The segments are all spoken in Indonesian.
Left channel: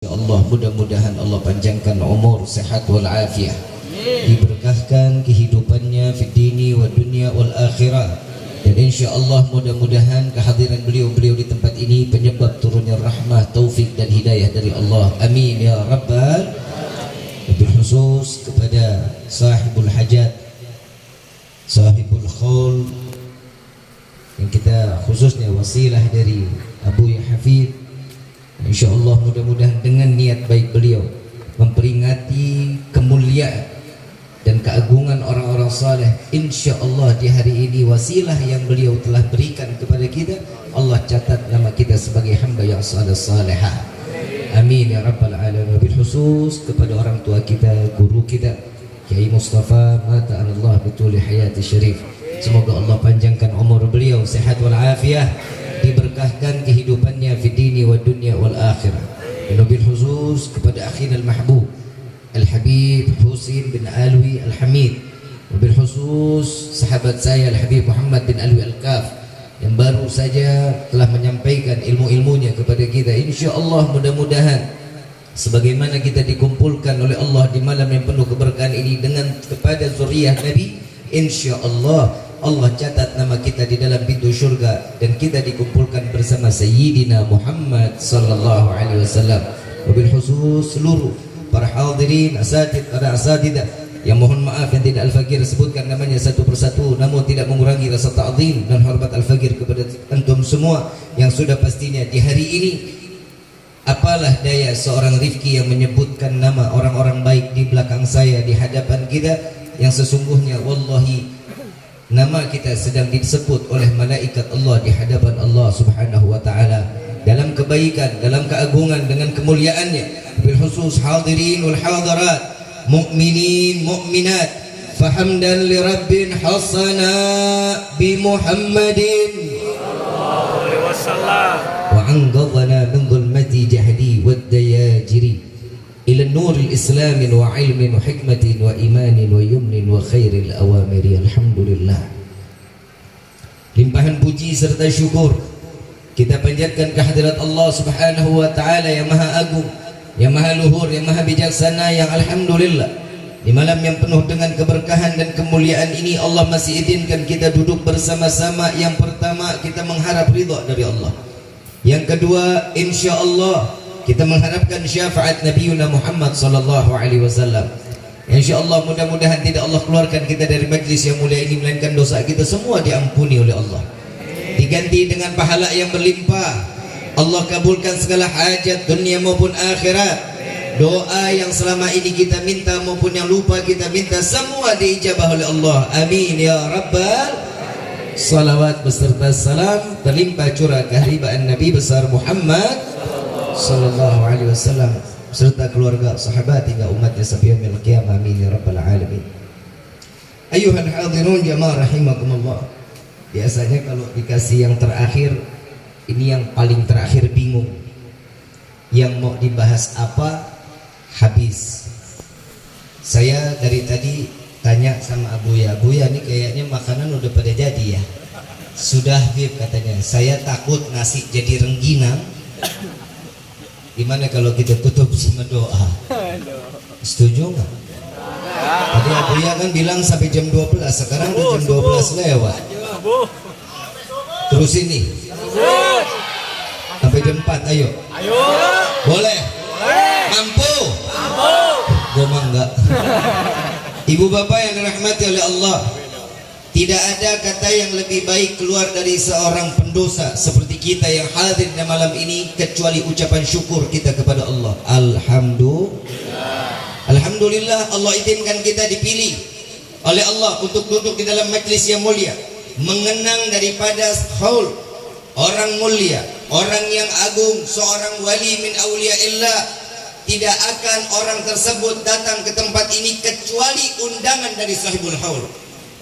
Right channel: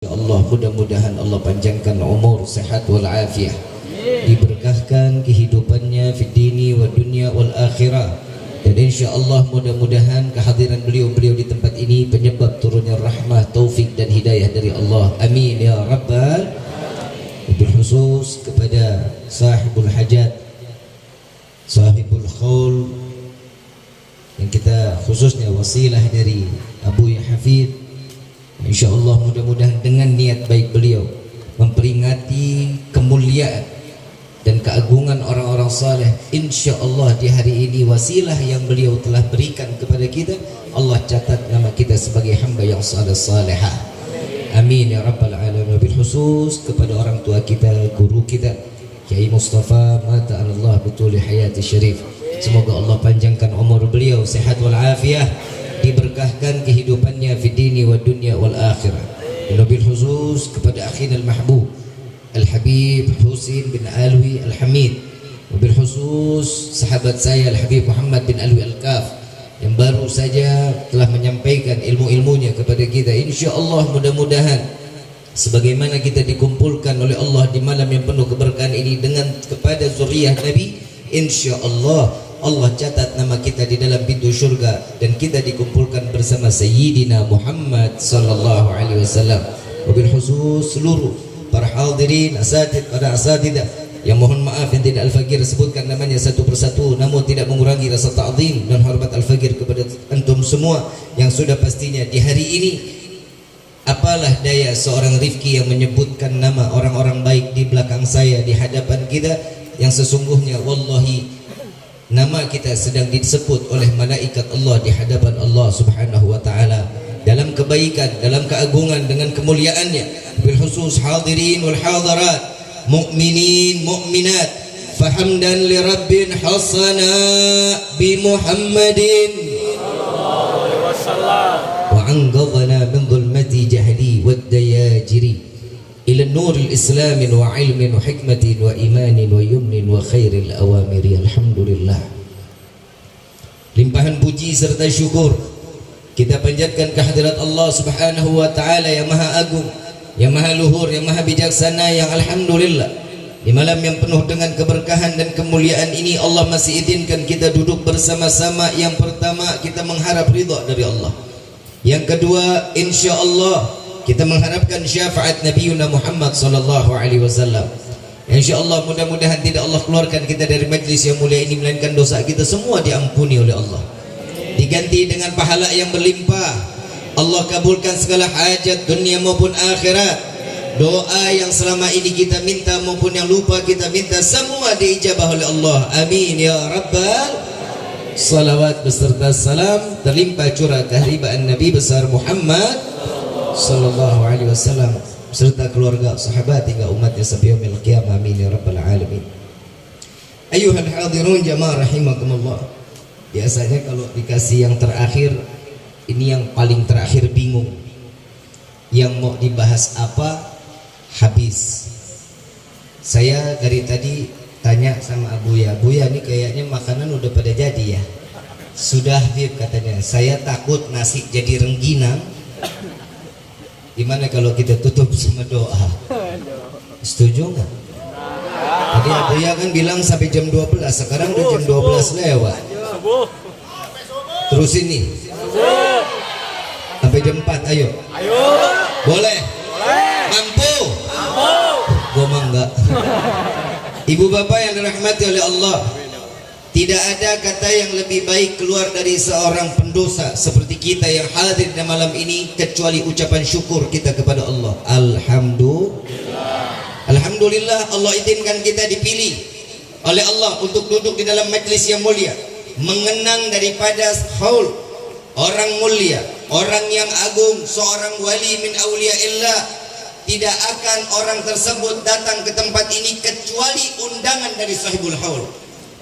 Ya Allah, mudah-mudahan Allah panjangkan umur, sehat wal afiah, diberkahkan kehidupannya fi dini wa dunya wal akhirah. Dan insya Allah mudah-mudahan kehadiran beliau di tempat ini penyebab turunnya rahmah, taufik dan hidayah dari Allah. Amin ya rabbal. Lebih khusus kepada sahibul hajat, sahibul khaul, yang kita khususnya wasilah dari Abu Hafid. InsyaAllah mudah-mudahan dengan niat baik beliau memperingati kemuliaan dan keagungan orang-orang saleh, InsyaAllah di hari ini wasilah yang beliau telah berikan kepada kita, Allah catat nama kita sebagai hamba yang saleh-salehah. Amin ya rabbal alamin. Wabil khusus kepada orang tua kita, guru kita Kiai Mustafa mata Allah betul hayati syarif. Semoga Allah panjangkan umur beliau, sehat wal afiah, diberkahkan kehidupannya fi dini wa dunya wal akhirah. Wabil khusus kepada akhina al-mahbub Al-Habib Husin bin Alwi Al-Hamid. Wabil khusus sahabat saya Al-Habib Muhammad bin Alwi Al-Kaf yang baru saja telah menyampaikan ilmu-ilmunya kepada kita. InsyaAllah mudah-mudahan sebagaimana kita dikumpulkan oleh Allah di malam yang penuh keberkahan ini dengan kepada zuriyah Nabi, InsyaAllah Allah catat nama kita di dalam pintu syurga dan kita dikumpulkan bersama Sayyidina Muhammad sallallahu alaihi wasallam. Wabil khusus seluruh para hadirin, para asatidah yang mohon maaf yang tidak Al-Fakir sebutkan namanya satu persatu, namun tidak mengurangi rasa ta'zim dan hormat Al-Fakir kepada antum semua yang sudah pastinya di hari ini apalah daya seorang Rifki yang menyebutkan nama orang-orang baik di belakang saya di hadapan kita, yang sesungguhnya wallahi nama kita sedang disebut oleh malaikat Allah di hadapan Allah Subhanahu wa taala dalam kebaikan, dalam keagungan dengan kemuliaannya. Bil khusus hadirin wal hadirat, mukminin mukminat, fahamdan li rabbin hasana bi Muhammadin sallallahu alaihi wasallam wa anqadhana min dhulmati jahli wad dayajiri ila nur al-islam wa ilmin wa hikmatin wa imanin wa yumnin wa khairil awamiri. Alhamdulillah, limpahan puji serta syukur kita panjatkan kehadirat Allah Subhanahu wa taala yang maha agung, yang maha luhur, yang maha bijaksana, yang alhamdulillah di malam yang penuh dengan keberkahan dan kemuliaan ini Allah masih izinkan kita duduk bersama-sama. Yang pertama, kita mengharap ridha dari Allah. Yang kedua, insyaallah kita mengharapkan syafaat Nabiuna Muhammad sallallahu alaihi wasallam. InsyaAllah mudah-mudahan tidak Allah keluarkan kita dari majlis yang mulia ini, melainkan dosa kita semua diampuni oleh Allah, diganti dengan pahala yang berlimpah. Allah kabulkan segala hajat dunia maupun akhirat. Doa yang selama ini kita minta maupun yang lupa kita minta, semua diijabah oleh Allah. Amin ya rabbal. Salawat beserta salam terlimpah curah keharibaan Nabi besar Muhammad sallallahu alaihi wasallam serta keluarga, sahabat hingga umatnya sampai yaumil qiyamah. Amin ya rabbal alamin. Ayuhal hadirun jamaah rahimakumullah. Biasanya kalau dikasih yang terakhir, ini yang paling terakhir bingung. Yang mau dibahas apa habis. Saya dari tadi tanya sama Abuya, Abuya ini kayaknya makanan udah pada jadi ya? Sudah Bib katanya. Saya takut nasi jadi rengginang. Gimana kalau kita tutup sama doa? Setuju nggak? Tadi Abuya kan bilang sampai jam 12, sekarang udah jam 12 lewat. Terus ini sampai jam 4, ayo. Boleh? Mampu? Gua mah enggak. Ibu bapak yang dirahmati oleh Allah, tidak ada kata yang lebih baik keluar dari seorang pendosa seperti kita yang hadir di malam ini kecuali ucapan syukur kita kepada Allah. Alhamdulillah Allah izinkan kita dipilih oleh Allah untuk duduk di dalam majlis yang mulia, mengenang daripada haul orang mulia, orang yang agung, seorang wali min auliyaillah. Tidak akan orang tersebut datang ke tempat ini kecuali undangan dari sahibul haul.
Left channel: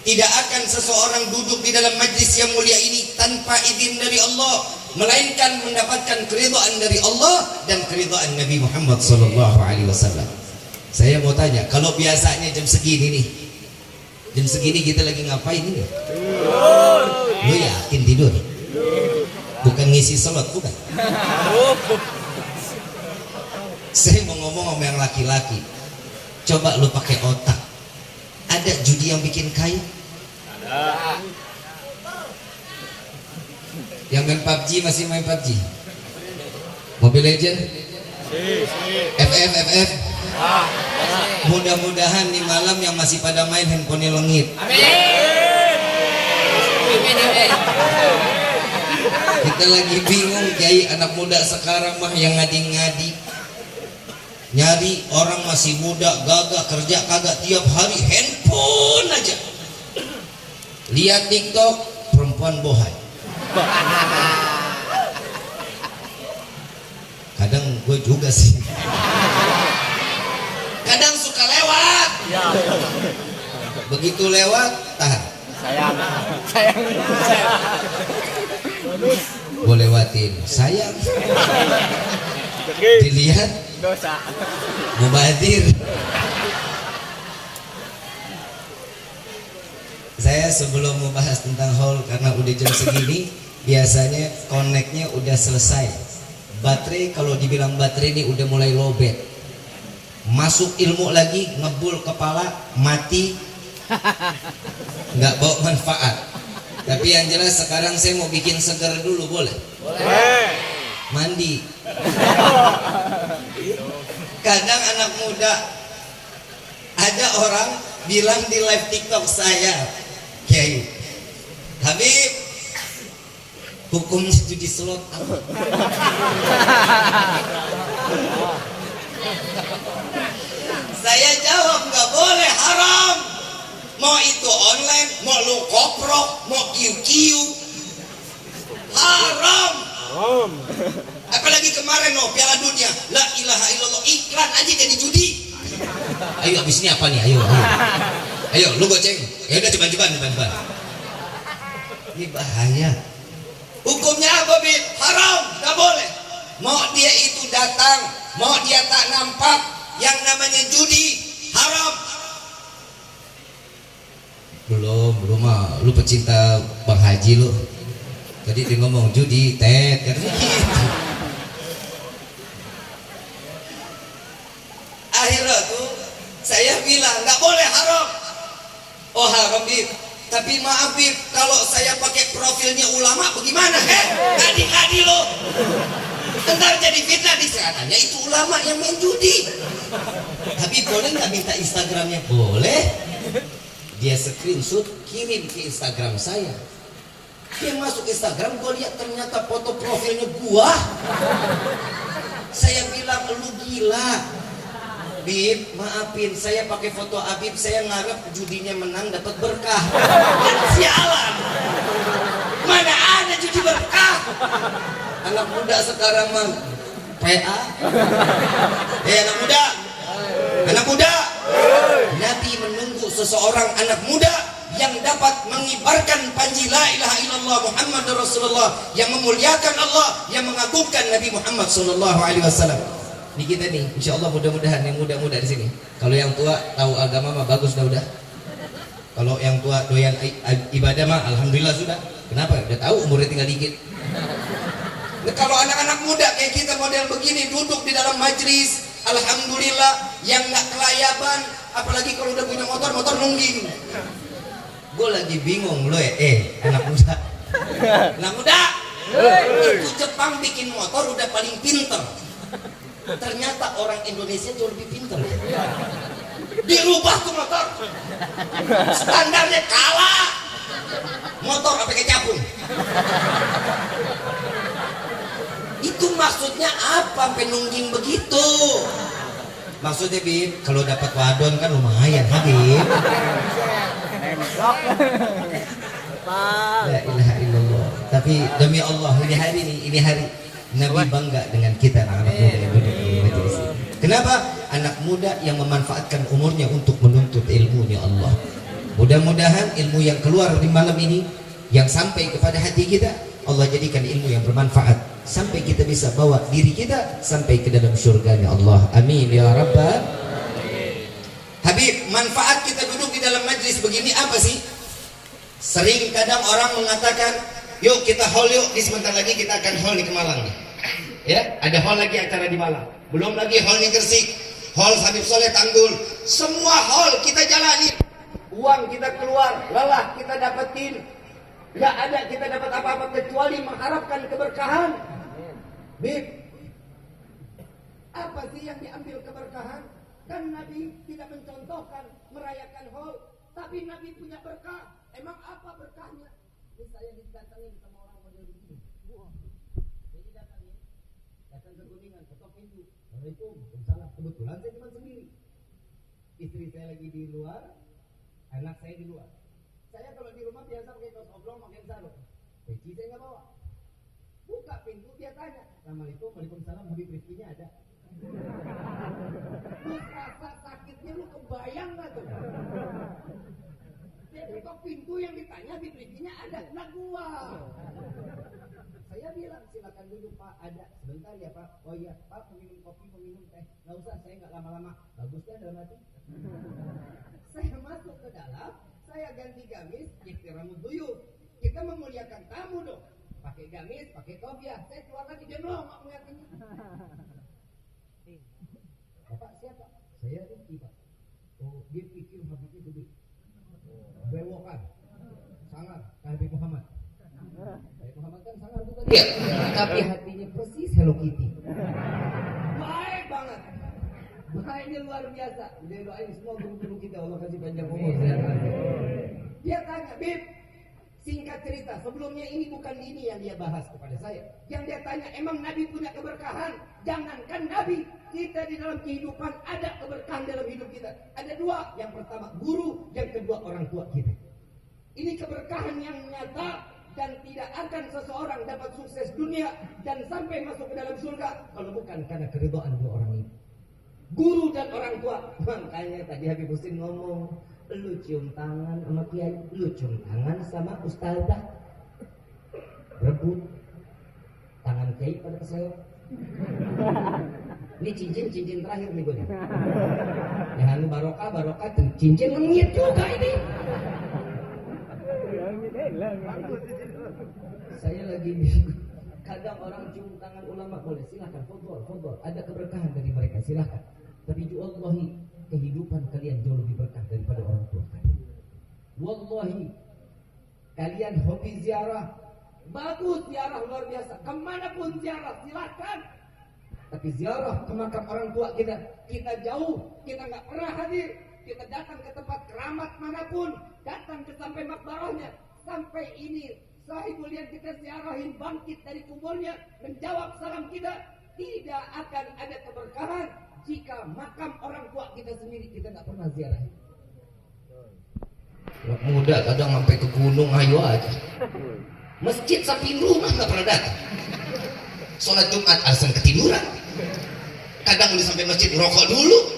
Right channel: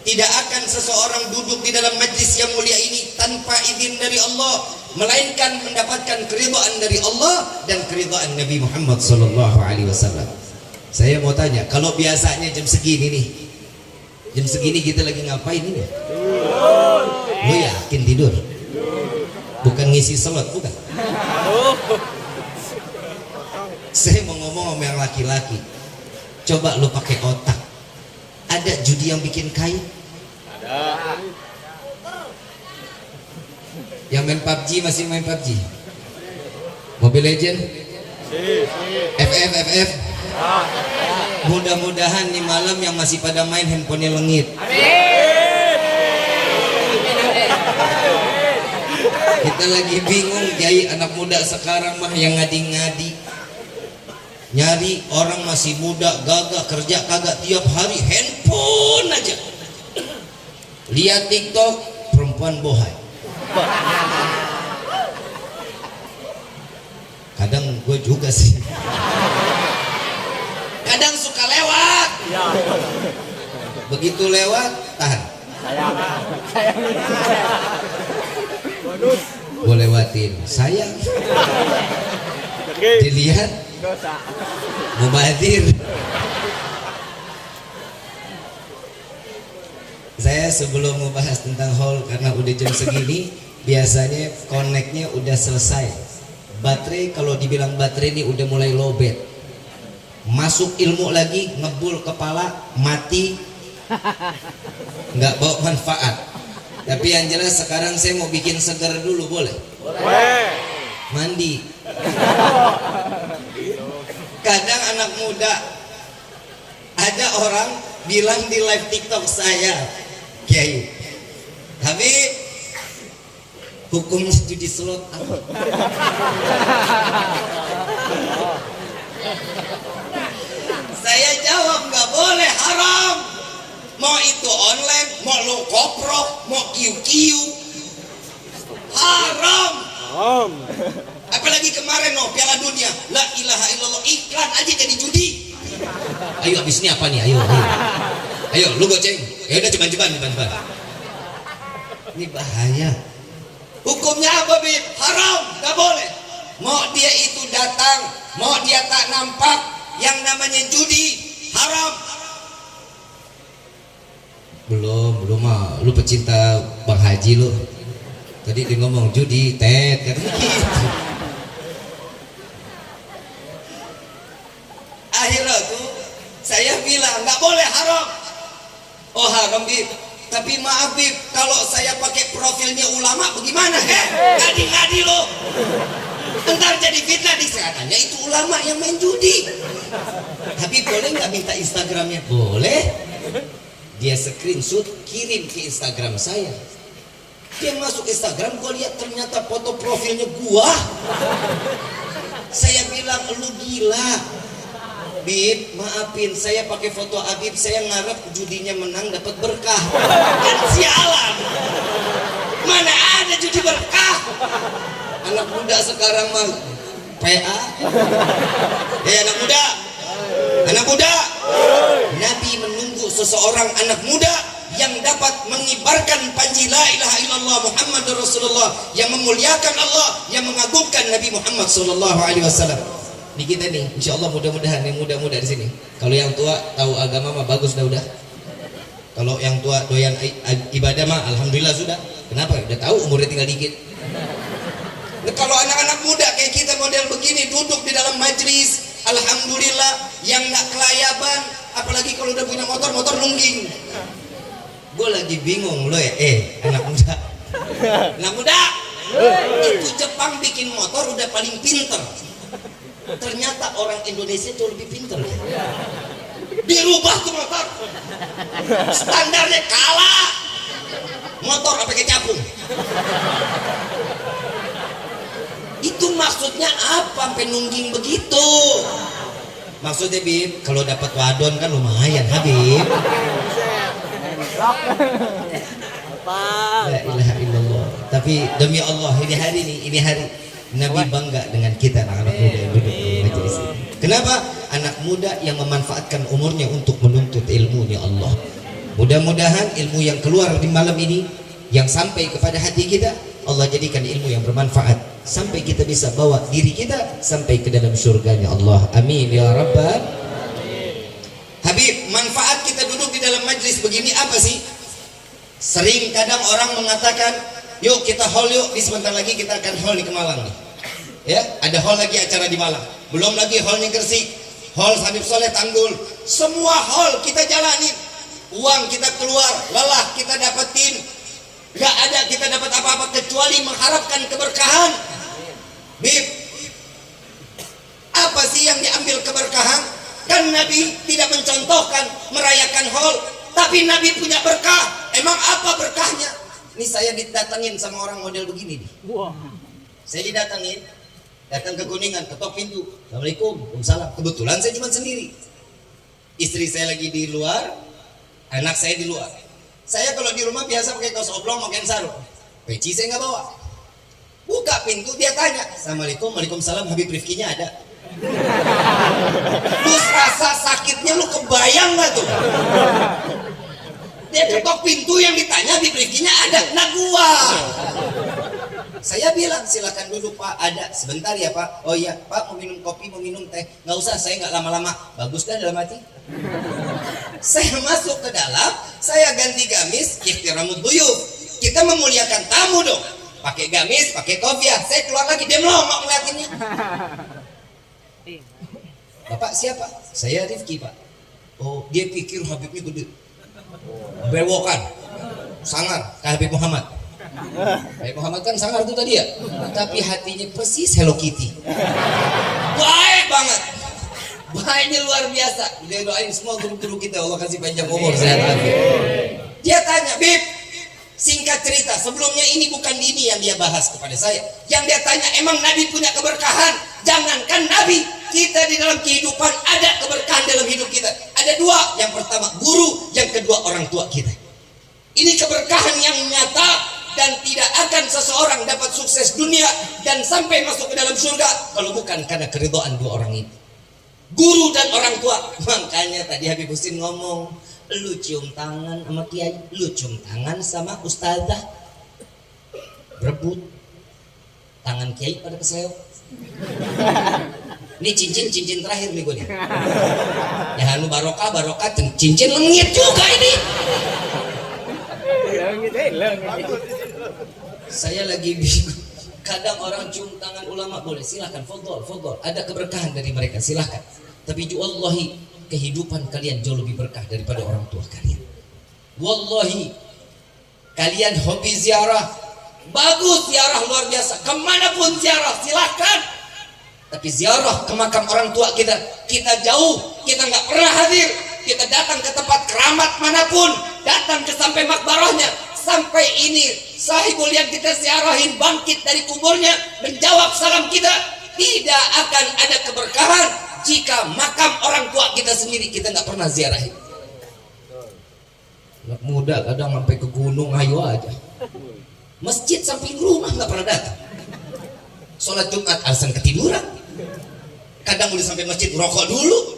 Tidak akan seseorang duduk di dalam majlis yang mulia ini tanpa izin dari Allah, melainkan mendapatkan keridhaan dari Allah dan keridhaan Nabi Muhammad sallallahu alaihi wasallam. Saya mau tanya, kalau biasanya jam segini nih, jam segini kita lagi ngapain ini? Lu yakin tidur? Bukan ngisi slot, bukan? Saya mau ngomong sama yang laki-laki. Coba lu pakai otak. Ada judi yang bikin kaya? Ada. Yang main PUBG masih main PUBG? Mobile Legend? FF? Mudah-mudahan nih malam yang masih pada main handphonenya lengit. Kita lagi bingung Kiai, anak muda sekarang mah yang ngadi-ngadi, nyari orang masih muda gagah kerja kagak, tiap hari handphone aja. Lihat TikTok perempuan bohai. Kadang gue juga sih. Kadang suka lewat. Begitu lewat tahan. Sayang. Gue lewatin. Sayang. Dilihat. Mubazir. Saya sebelum membahas tentang haul, karena udah jam segini, biasanya connect-nya udah selesai. Baterai, kalau dibilang baterai ini udah mulai lowbat. Masuk ilmu lagi, ngebul kepala, mati, nggak bawa manfaat. Tapi yang jelas sekarang saya mau bikin segar dulu, boleh? Boleh. Mandi. Kadang anak muda, ada orang bilang di live TikTok saya, Kiai, Habib, hukumnya judi slot apa? Saya jawab, nggak boleh, haram. Mau itu online, mau lu koprok, mau QQ, haram. Apalagi kemarin Piala Dunia, la ilaha illallah, iklan aja jadi judi. Ayo abis ini apa nih? Ayo lu goceng. Ya udah cepat. Ini bahaya. Hukumnya apa, Bib? Haram, nggak boleh. Mau dia itu datang, mau dia tak nampak, yang namanya judi haram. Belum mah. Lu pecinta Bang Haji lu. Tadi dia ngomong judi, tet kan gitu. Akhirnya tuh saya bilang nggak boleh, haram. Oh haram, Bib. Tapi maaf, Bib, kalau saya pakai profilnya ulama bagaimana? Ngadi-ngadi lo. Ntar jadi fitnah di sehatannya itu ulama yang main judi. Habib boleh nggak minta Instagramnya? Boleh. Dia screenshot kirim ke Instagram saya. Dia masuk Instagram, gue lihat ternyata foto profilnya gua. Saya bilang, lu gila. Bib, maafin, saya pakai foto Habib, saya ngarep judinya menang dapat berkah. Sialan. Mana ada judi berkah? Anak muda sekarang mah PA. Anak muda. Nabi menunggu seseorang anak muda yang dapat mengibarkan panji la ilaha illallah Muhammad Rasulullah, yang memuliakan Allah, yang mengagungkan Nabi Muhammad sallallahu alaihi wasallam. Di kita nih, insyaallah mudah-mudahan yang muda-muda di sini. Kalau yang tua tahu agama mah bagus udah. Kalau yang tua doyan ibadah mah alhamdulillah sudah. Kenapa? Udah tahu umurnya tinggal dikit. Nah, kalau anak-anak muda kayak kita model begini duduk di dalam majlis, alhamdulillah, yang nggak kelayaban, apalagi kalau udah punya motor nungging. Gue lagi bingung loh anak muda. Anak muda, itu Jepang bikin motor udah paling pinter. Ternyata orang Indonesia jauh lebih pinter. Dirubah tuh motor, standarnya kalah. Motor apa pakai capung? Itu maksudnya apa? Sampai nungging begitu. Maksudnya, Bib, kalau dapat wadon kan lumayan, Habib. La ilaha illallah. Tapi demi Allah, ini hari Nabi bangga dengan kita anak muda yang duduk di majelis ini. Kenapa? Anak muda yang memanfaatkan umurnya untuk menuntut ilmu, ya Allah. Mudah-mudahan ilmu yang keluar di malam ini yang sampai kepada hati kita, Allah jadikan ilmu yang bermanfaat sampai kita bisa bawa diri kita sampai ke dalam surganya Allah. Amin ya rabbal. Habib, manfaat kita duduk di dalam majlis begini apa sih? Sering kadang orang mengatakan, yuk kita haul yuk, di sebentar lagi kita akan haul di Malang nih. Ya, ada haul lagi acara di Malang. belum lagi hall Gresik, hall Habib Soleh Tanggul, semua hall kita jalani, uang kita keluar, lelah kita dapetin, gak ada kita dapat apa-apa kecuali mengharapkan keberkahan. Bib, apa sih yang diambil keberkahan? Kan Nabi tidak mencontohkan merayakan hall, tapi Nabi punya berkah. Emang apa berkahnya? Ini saya didatengin sama orang model begini nih. Saya didatengin, datang ke Kuningan, ketok pintu. Assalamualaikum, waalaikumsalam. Kebetulan saya cuma sendiri. Istri saya lagi di luar, anak saya di luar. Saya kalau di rumah biasa pakai kaos oblong, pakai sarung. Peci saya nggak bawa. Buka pintu, dia tanya, Assalamualaikum, waalaikumsalam, Habib Rifkinya ada? Terus rasa sakitnya lu kebayang nggak tuh? Dia ketok pintu, yang ditanya Habib Rifkinya ada, nah gua. Saya bilang silakan duduk Pak, ada sebentar ya Pak. Oh iya Pak, mau minum kopi, mau minum teh? Nggak usah, saya nggak lama-lama. Bagus kan dalam hati? Saya masuk ke dalam, saya ganti gamis, ihtiramud duyuf. Kita memuliakan tamu dong. Pakai gamis, pakai kopiah. Saya keluar lagi, dia melongok ngeliatinnya. Bapak siapa? Saya Rifki Pak. Oh, dia pikir Habibnya gede. Bewokan, sangar, kayak Habib Muhammad. Habib Muhammad kan sangar itu tadi ya. Tapi hatinya persis Hello Kitty. Baik banget. Baiknya luar biasa. Dia doain semua guru-guru kita, Allah kasih panjang umur, sehat walafiat. Dia tanya, Bib, singkat cerita, sebelumnya ini bukan ini yang dia bahas kepada saya. Yang dia tanya, emang Nabi punya keberkahan? Jangankan Nabi, kita di dalam kehidupan ada keberkahan dalam hidup kita. Ada dua, yang pertama guru, yang kedua orang tua kita. Ini keberkahan yang nyata dan tidak akan seseorang dapat sukses dunia dan sampai masuk ke dalam surga kalau bukan karena keridhaan dua orang ini. Guru dan orang tua. Makanya tadi Habib Husin ngomong, lu cium tangan sama kiai, lu cium tangan sama ustazah, berebut tangan kiai pada kesleo. Ini cincin terakhir nih gue nih. Ya anu barokah cincin lengit juga ini. Saya lagi bingung. Kadang orang cium tangan ulama boleh, silahkan, fadhol. Ada keberkahan dari mereka, silahkan. Tapi wallahi kehidupan kalian jauh lebih berkah daripada orang tua kalian. Wallahi kalian hobi ziarah, bagus, ziarah luar biasa. Kemanapun ziarah silahkan. Tapi ziarah ke makam orang tua kita jauh, kita nggak pernah hadir. Kita datang ke tempat keramat manapun, datang ke sampai makbarahnya, sampai ini sahibul yang kita ziarahin bangkit dari kuburnya menjawab salam kita, tidak akan ada keberkahan jika makam orang tua kita sendiri kita nggak pernah ziarahin. Anak muda kadang sampai ke gunung ayo aja, masjid samping rumah nggak pernah datang. Sholat Jumat alasan ketiduran. Kadang udah sampai masjid rokok dulu.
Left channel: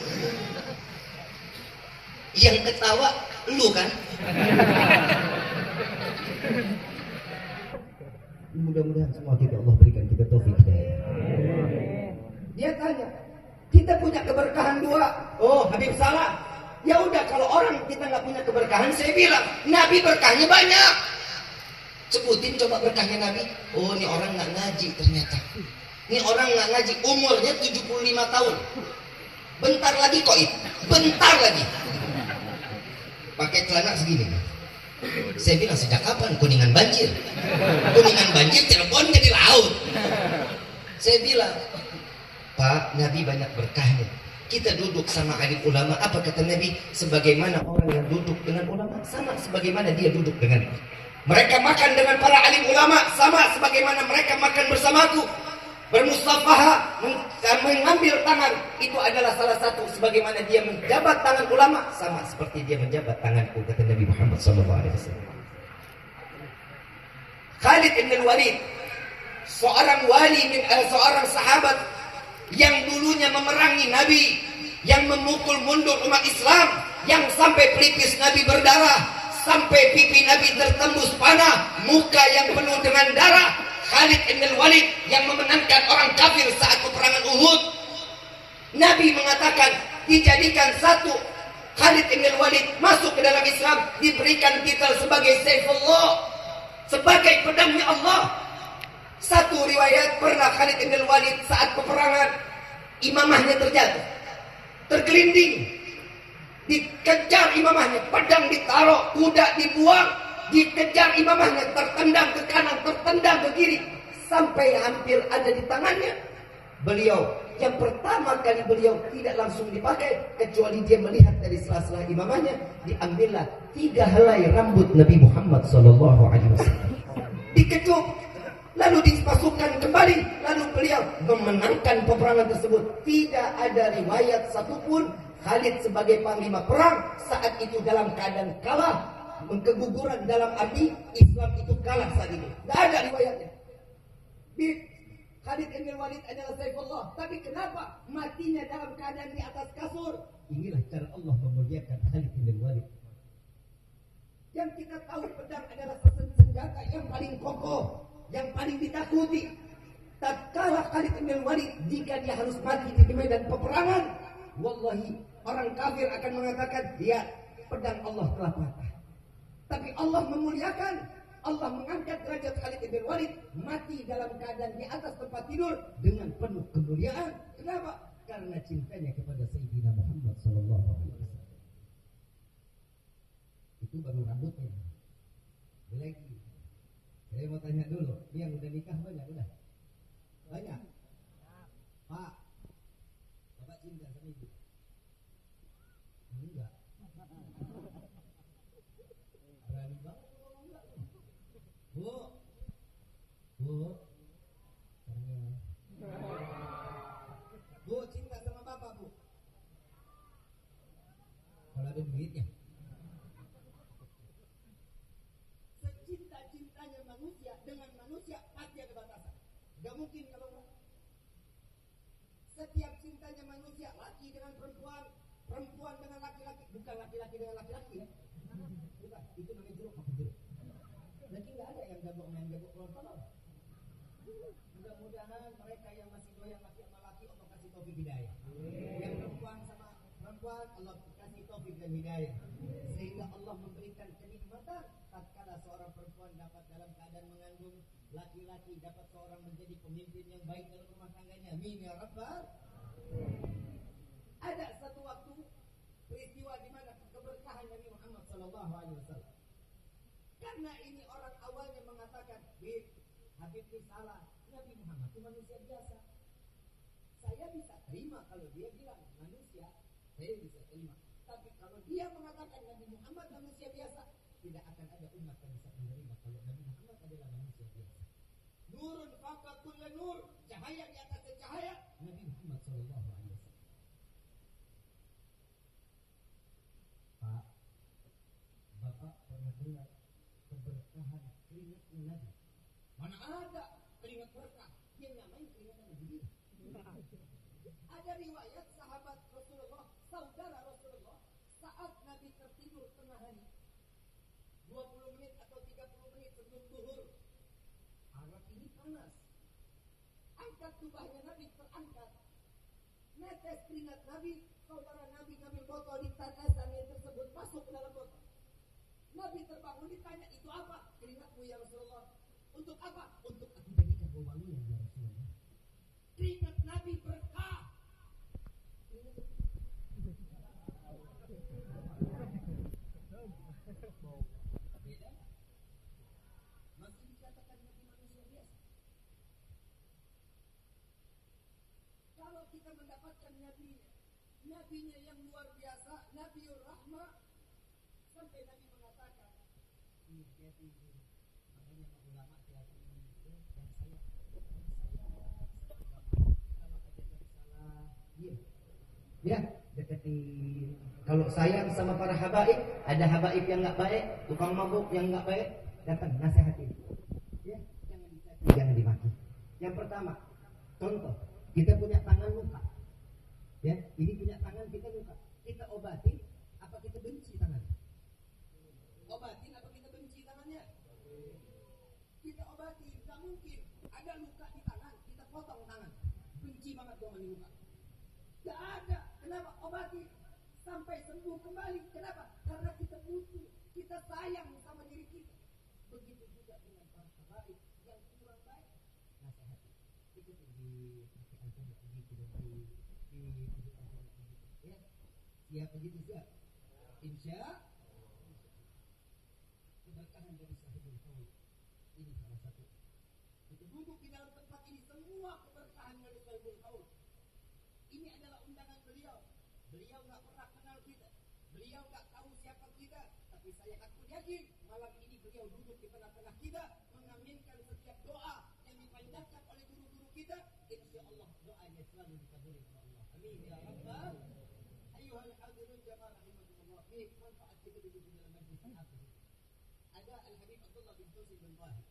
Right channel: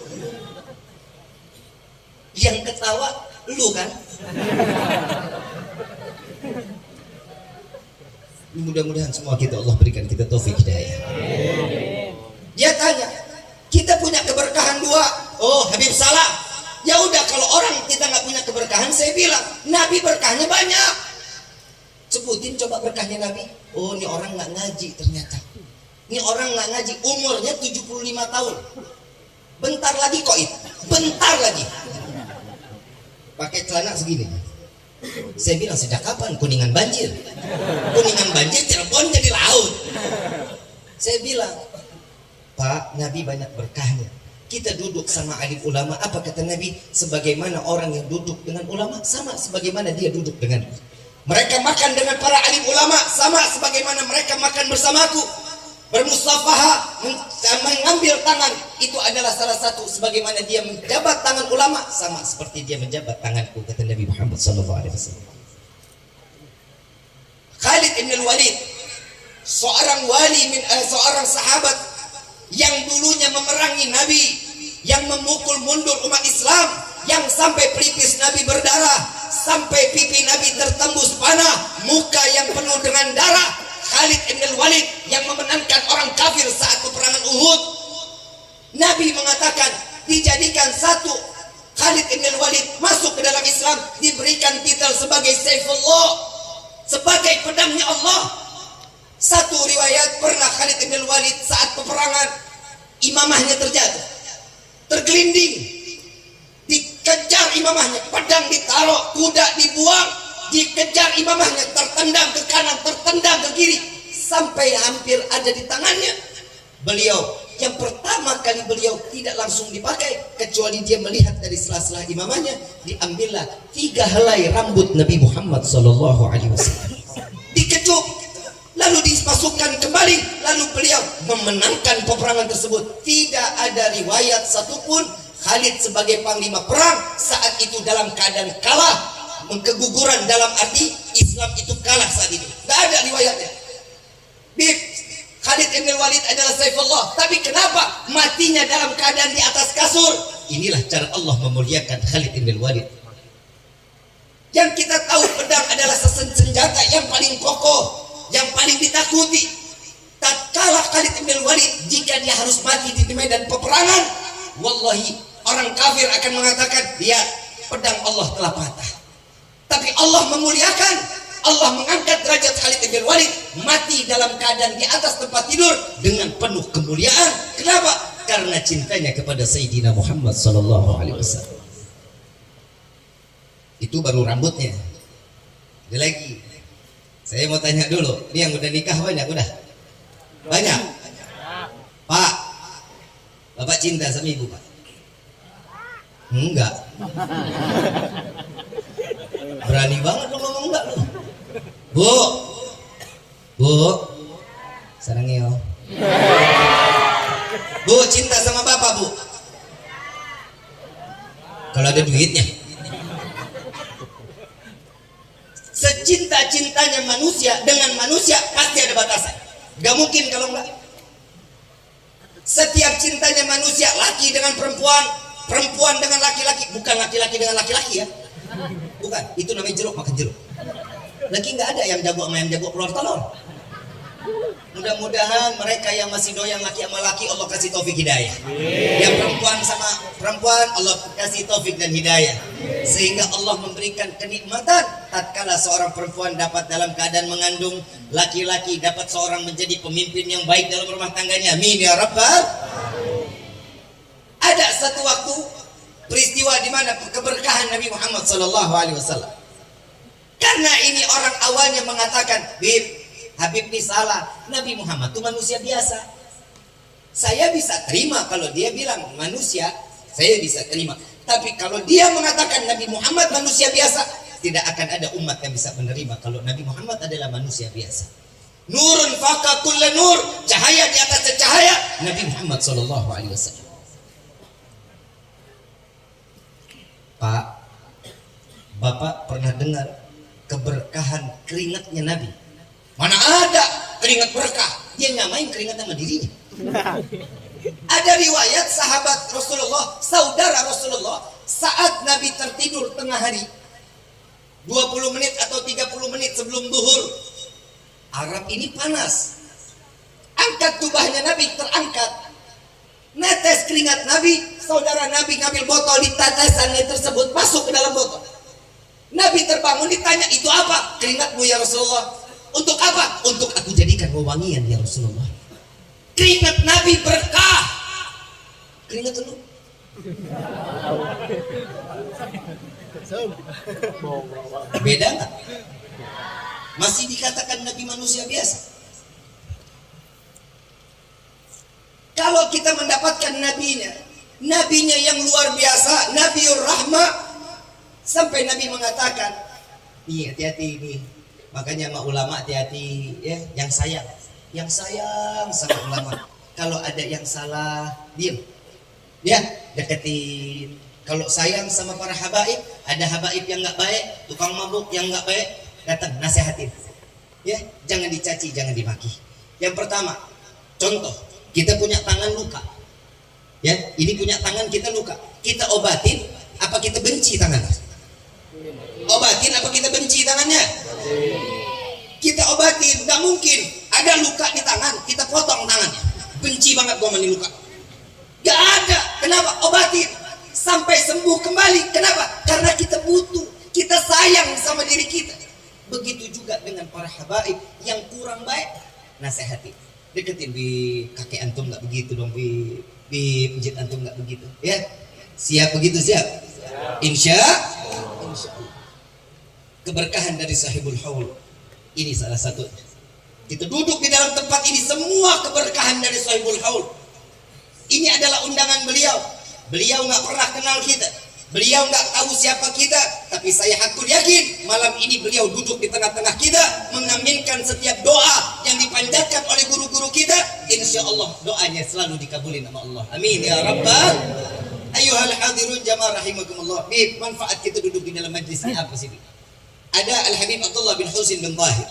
Yang ketawa lu kan. Mudah-mudahan semua kita Allah berikan kita taufik hidayah. Dia tanya, kita punya keberkahan dua. Oh Habib salah. Ya udah, kalau orang kita nggak punya keberkahan, saya bilang Nabi berkahnya banyak. Sebutin coba berkahnya Nabi. Oh ini orang nggak ngaji ternyata. Ini orang nggak ngaji, umurnya 75 tahun. Bentar lagi koit, bentar lagi. Pakai celana segini. Saya bilang sejak kapan Kuningan banjir? Kuningan banjir, Cirebon jadi laut. Saya bilang, Pak, Nabi banyak berkahnya. Kita duduk sama alim ulama, apa kata Nabi? Sebagaimana orang yang duduk dengan ulama, sama sebagaimana dia duduk dengan mereka makan dengan para alim ulama, sama sebagaimana mereka makan bersamaku. Bermusafaha, mengambil tangan, itu adalah salah satu sebagaimana dia menjabat tangan ulama, sama seperti dia menjabat tanganku, kata Nabi Muhammad SAW. Khalid ibn Walid, seorang wali, seorang sahabat yang dulunya memerangi Nabi, yang memukul mundur umat Islam, yang sampai pelipis Nabi berdarah, sampai pipi Nabi tertembus panah, muka yang penuh dengan darah. Khalid ibn Walid yang memenangkan orang kafir saat peperangan Uhud. Nabi mengatakan dijadikan satu Khalid ibn Walid masuk ke dalam Islam, diberikan titel sebagai Saifullah, sebagai pedangnya Allah. Satu riwayat pernah Khalid ibn Walid saat peperangan imamahnya terjatuh, tergelinding, dikejar imamahnya, pedang ditaruh, kuda dibuang, dikejar imamahnya, tertendang ke kanan, tertendang ke kiri, sampai hampir ada di tangannya. Beliau yang pertama kali beliau tidak langsung dipakai, kecuali dia melihat dari sela-sela imamahnya, diambillah 3 helai rambut Nabi Muhammad SAW, dikecup, lalu dimasukkan kembali, lalu beliau memenangkan peperangan tersebut. Tidak ada riwayat satupun Khalid sebagai panglima perang saat itu dalam keadaan kalah, keguguran dalam arti Islam itu kalah saat ini. Tidak ada riwayatnya. Khalid bin Walid adalah Saifullah, tapi kenapa matinya dalam keadaan di atas kasur? Inilah cara Allah memuliakan Khalid bin Walid. Yang kita tahu pedang adalah senjata yang paling kokoh, yang paling ditakuti. Tatkala Khalid bin Walid, jika dia harus mati di medan peperangan, wallahi orang kafir akan mengatakan, dia pedang Allah telah patah. Tapi Allah memuliakan, Allah mengangkat derajat Khalid bin Walid, mati dalam keadaan di atas tempat tidur dengan penuh kemuliaan. Kenapa? Karena cintanya kepada Sayyidina Muhammad SAW. Itu baru rambutnya. Ada lagi. Saya mau tanya dulu, ini yang udah nikah banyak udah? Banyak? Pak, Bapak cinta sama ibu, Pak? Enggak. Berani banget lo ngomong enggak lo. Bu, sarangnya. Bu, cinta sama bapak, Bu? Kalau ada duitnya. Secinta-cintanya manusia dengan manusia pasti ada batasan. Gak mungkin kalau enggak. Setiap cintanya manusia, laki dengan perempuan, perempuan dengan laki-laki, bukan laki-laki dengan laki-laki ya. Bukan, itu namanya jeruk makan jeruk. Lagi nggak ada yang jago sama yang jago keluar telur. Mudah-mudahan mereka yang masih doyan laki sama laki, Allah kasih taufik hidayah. Yang perempuan sama perempuan, Allah kasih taufik dan hidayah. Sehingga Allah memberikan kenikmatan tatkala seorang perempuan dapat dalam keadaan mengandung, laki-laki dapat seorang menjadi pemimpin yang baik dalam rumah tangganya. Amin ya Rabbal. Ada satu waktu peristiwa di mana keberkahan Nabi Muhammad SAW. Karena ini orang awalnya mengatakan, Habib ini salah. Nabi Muhammad itu manusia biasa. Saya bisa terima kalau dia bilang manusia, saya bisa terima. Tapi kalau dia mengatakan Nabi Muhammad manusia biasa, tidak akan ada umat yang bisa menerima kalau Nabi Muhammad adalah manusia biasa. Nurun faka kulla nur, cahaya di atas cahaya Nabi Muhammad SAW. Pak, Bapak pernah dengar keberkahan keringatnya Nabi? Mana ada keringat berkah? Dia nyamain keringat sama dirinya. Ada riwayat sahabat Rasulullah, saudara Rasulullah, saat Nabi tertidur tengah hari 20 menit atau 30 menit sebelum zuhur, Arab ini panas. Angkat jubahnya Nabi, terangkat. Netes keringat Nabi, saudara Nabi ngambil botol, di tetesannya tersebut masuk ke dalam botol. Nabi terbangun, ditanya, itu apa? Keringatmu ya Rasulullah. Untuk apa? Untuk aku jadikan wewangian ya Rasulullah. Keringat Nabi berkah. Keringat lu. Beda nggak? Masih dikatakan Nabi manusia biasa. Kalau kita mendapatkan nabinya yang luar biasa, Nabiur Rahmah, sampai Nabi mengatakan, nih hati-hati nih, makanya sama ulama hati-hati ya, yang sayang sama ulama. Kalau ada yang salah, diam, ya deketin. Kalau sayang sama para habaib, ada habaib yang nggak baik, tukang mabuk yang nggak baik, datang nasihatin, ya jangan dicaci, jangan dimaki. Yang pertama, contoh, kita punya tangan luka, ya ini punya tangan kita luka, kita obatin apa kita benci tangannya? Obatin apa kita benci tangannya? Kita obatin. Gak mungkin ada luka di tangan kita potong tangannya, benci banget gua mani luka. Gak ada. Kenapa? Obatin sampai sembuh kembali. Kenapa? Karena kita butuh, kita sayang sama diri kita. Begitu juga dengan para habaib yang kurang baik, nasihati. Deketin bi, kakek antum nggak begitu dong bi, pijit antum nggak begitu, ya? Siap begitu siap? Insya Allah. Keberkahan dari sahibul haul ini salah satu. Kita duduk di dalam tempat ini semua keberkahan dari sahibul haul. Ini adalah undangan beliau. Beliau nggak pernah kenal kita. Beliau nggak tahu siapa kita. Tapi saya hakul yakin malam ini beliau duduk di tengah-tengah kita, mengaminkan setiap doa yang dipanjatkan oleh guru-guru kita. Insya Allah doanya selalu dikabulin sama Allah. Amin ya rabbal. Ayuhal hadirun jamaah rahimakumullah. Manfaat kita duduk di dalam majlis ini apa sih? Ada Al-Habib Abdullah bin Husin bin Tahir.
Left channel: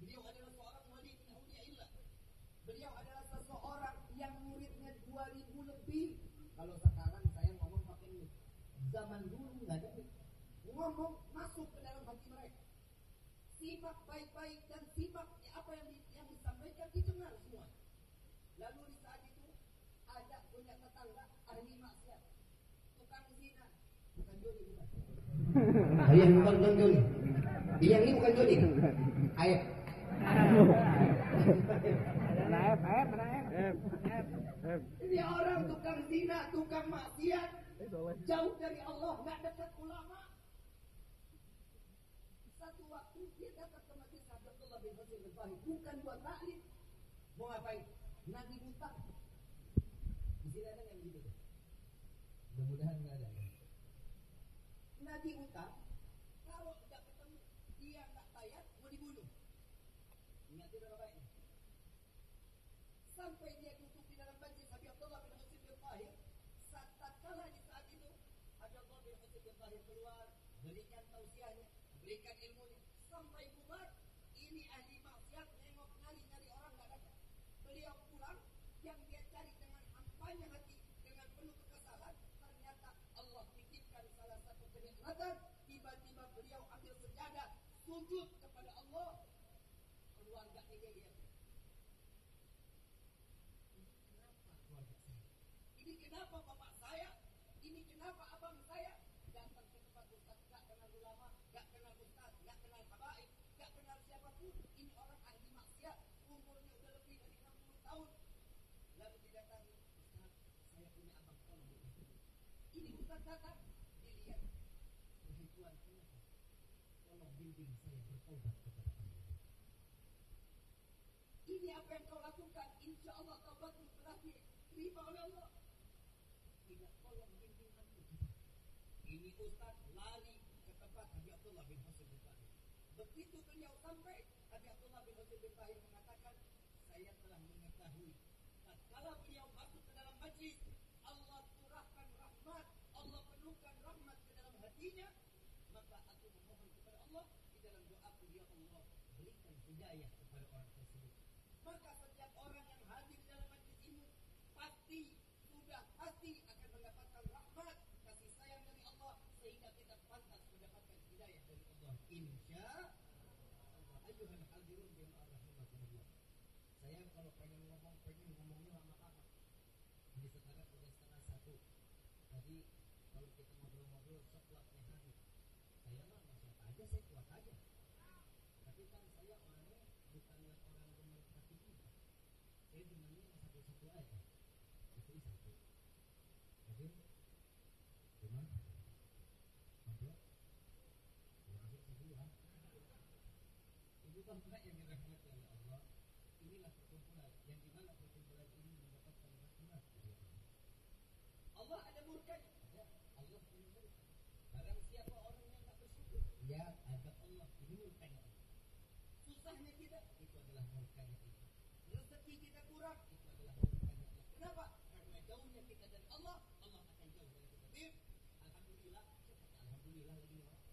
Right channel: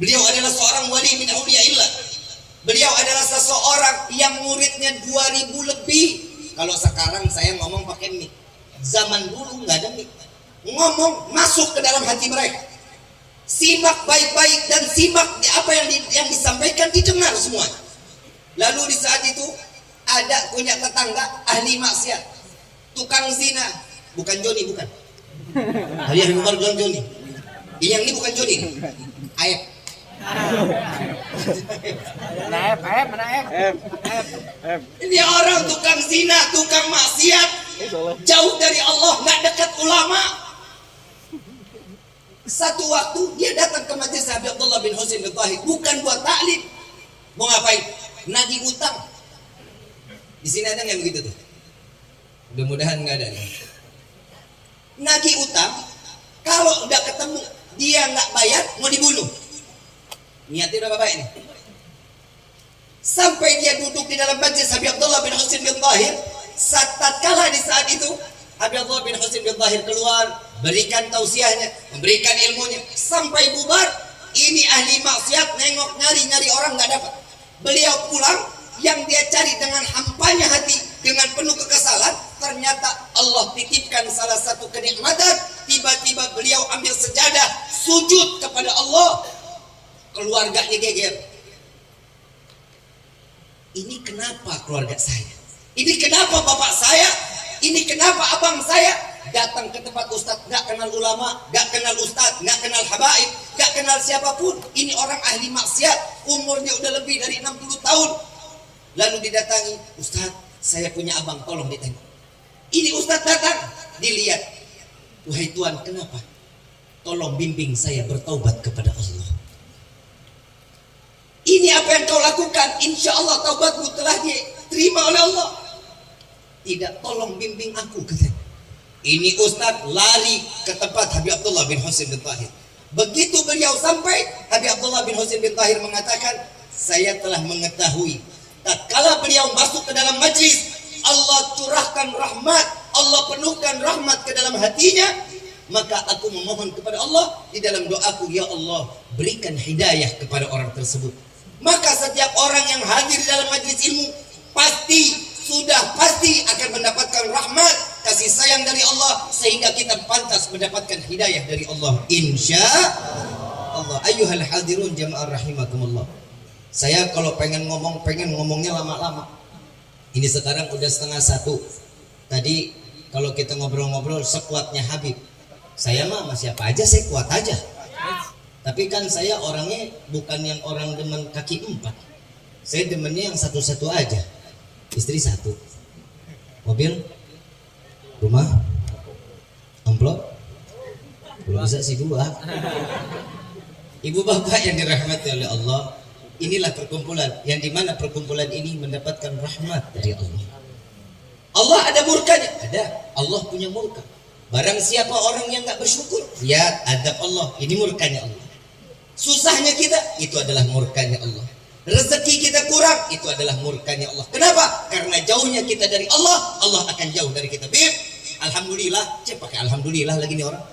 Beliau adalah seorang wali min auliyaillah. Beliau adalah seseorang yang muridnya 2000 lebih. Kalau sekarang saya ngomong pakai mic. Zaman dulu nggak ada mic. Ngomong masuk ke dalam hati mereka. Simak baik-baik dan simak apa yang disampaikan, didengar semua. Lalu di saat itu ada punya tetangga ahli maksiat, tukang zina, bukan Joni, bukan. Hari yang baru bilang Joni. Yang ini bukan Joni. Aib. Ini orang tukang zina, tukang maksiat, jauh dari Allah, nggak dekat ulama. Satu waktu dia datang ke majelis Habib Abdullah bin Husin bin Tahir, bukan buat taklim. Mau ngapain? Nagih utang. Di sini ada nggak begitu tuh? Mudah-mudahan nggak ada. Nagih utang, kalau udah ketemu dia nggak bayar, mau dibunuh. Niatnya udah bapak ini. Sampai dia duduk di dalam majlis Habib Abdullah bin Husin bin Tahir. Tatkala di saat itu Habib Abdullah bin Husin bin Tahir keluar, berikan tausiahnya, memberikan ilmunya, sampai bubar. Ini ahli maksiat nengok nyari orang nggak dapat. Beliau pulang, yang dia cari dengan hampanya hati, dengan penuh kekesalan, ternyata Allah titipkan salah satu kenikmatan. Tiba-tiba beliau ambil sejadah, sujud kepada Allah. Keluarganya geger. Ini kenapa keluarga saya? Ini kenapa bapak saya? Ini kenapa abang saya? Datang ke tempat ustadz, gak kenal ulama, gak kenal ustadz, gak kenal habaib, gak kenal siapapun. Ini orang ahli maksiat, umurnya udah lebih dari 60 tahun. Lalu didatangi, ustadz, saya punya abang, tolong ditengok. Ini ustadz datang, dilihat. Wahai Tuhan, kenapa? Tolong bimbing saya bertaubat kepada Allah. Ini apa yang kau lakukan? Insya Allah taubatmu telah diterima oleh Allah. Tidak, tolong bimbing aku. Ini ustadz lari ke tempat Habib Abdullah bin Husin bin Tahir. Begitu beliau sampai, Habib Abdullah bin Husin bin Tahir mengatakan, saya telah mengetahui. Tatkala beliau masuk ke dalam majlis, Allah curahkan rahmat, Allah penuhkan rahmat ke dalam hatinya. Maka aku memohon kepada Allah di dalam doaku, ya Allah, berikan hidayah kepada orang tersebut. Maka setiap orang yang hadir di dalam majlis ilmu pasti akan mendapatkan rahmat, kasih sayang dari Allah, sehingga kita pantas mendapatkan hidayah dari Allah, insya Allah. Ayyuhal hadirun jamaah rahimakumullah. Saya kalau pengen ngomongnya lama-lama. Ini sekarang udah 12:30. Tadi kalau kita ngobrol-ngobrol sekuatnya Habib. Saya mah masih apa aja, saya kuat aja. Tapi kan saya orangnya bukan yang orang demen kaki 4. Saya demennya yang satu-satu aja. Istri 1, mobil, rumah, amplop, belum bisa sih 2. Ibu bapak yang dirahmati oleh Allah, inilah perkumpulan yang dimana perkumpulan ini mendapatkan rahmat dari Allah. Allah ada murkanya, ada. Allah punya murka. Barang siapa orang yang nggak bersyukur, lihat adab Allah, ini murkanya Allah. Susahnya kita, itu adalah murkanya Allah. Rezeki kita kurang, itu adalah murkanya Allah. Kenapa? Karena jauhnya kita dari Allah, Allah akan jauh dari kita. Bib, alhamdulillah, pakai alhamdulillah lagi nih orang.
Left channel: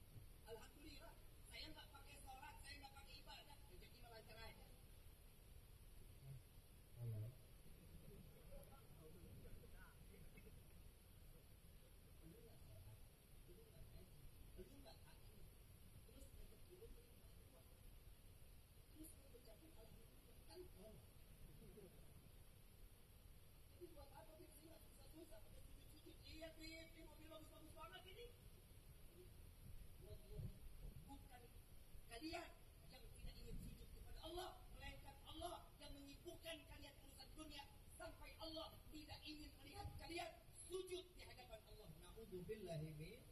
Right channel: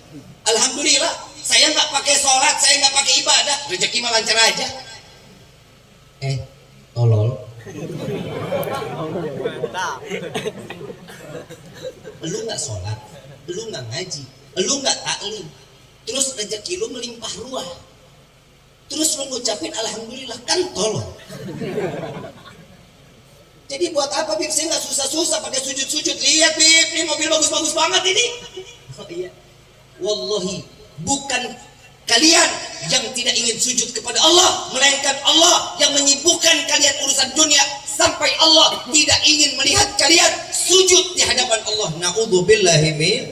Alhamdulillah, saya nggak pakai sholat, saya nggak pakai ibadah, rezeki mah lancar aja. Tolol. Lu nggak sholat, lu nggak ngaji, lu nggak taklim, terus rezeki lu melimpah ruah. Terus lu ngucapin alhamdulillah, kan tolong. Jadi buat apa Bib? Saya nggak susah-susah pakai sujud-sujud. Lihat Bib, ini mobil bagus-bagus banget ini. Oh iya. Wallahi, bukan Kalian yang tidak ingin sujud kepada Allah, melainkan Allah yang menyibukkan kalian urusan dunia, sampai Allah tidak ingin melihat kalian sujud di hadapan Allah. Na'udzubillahi min.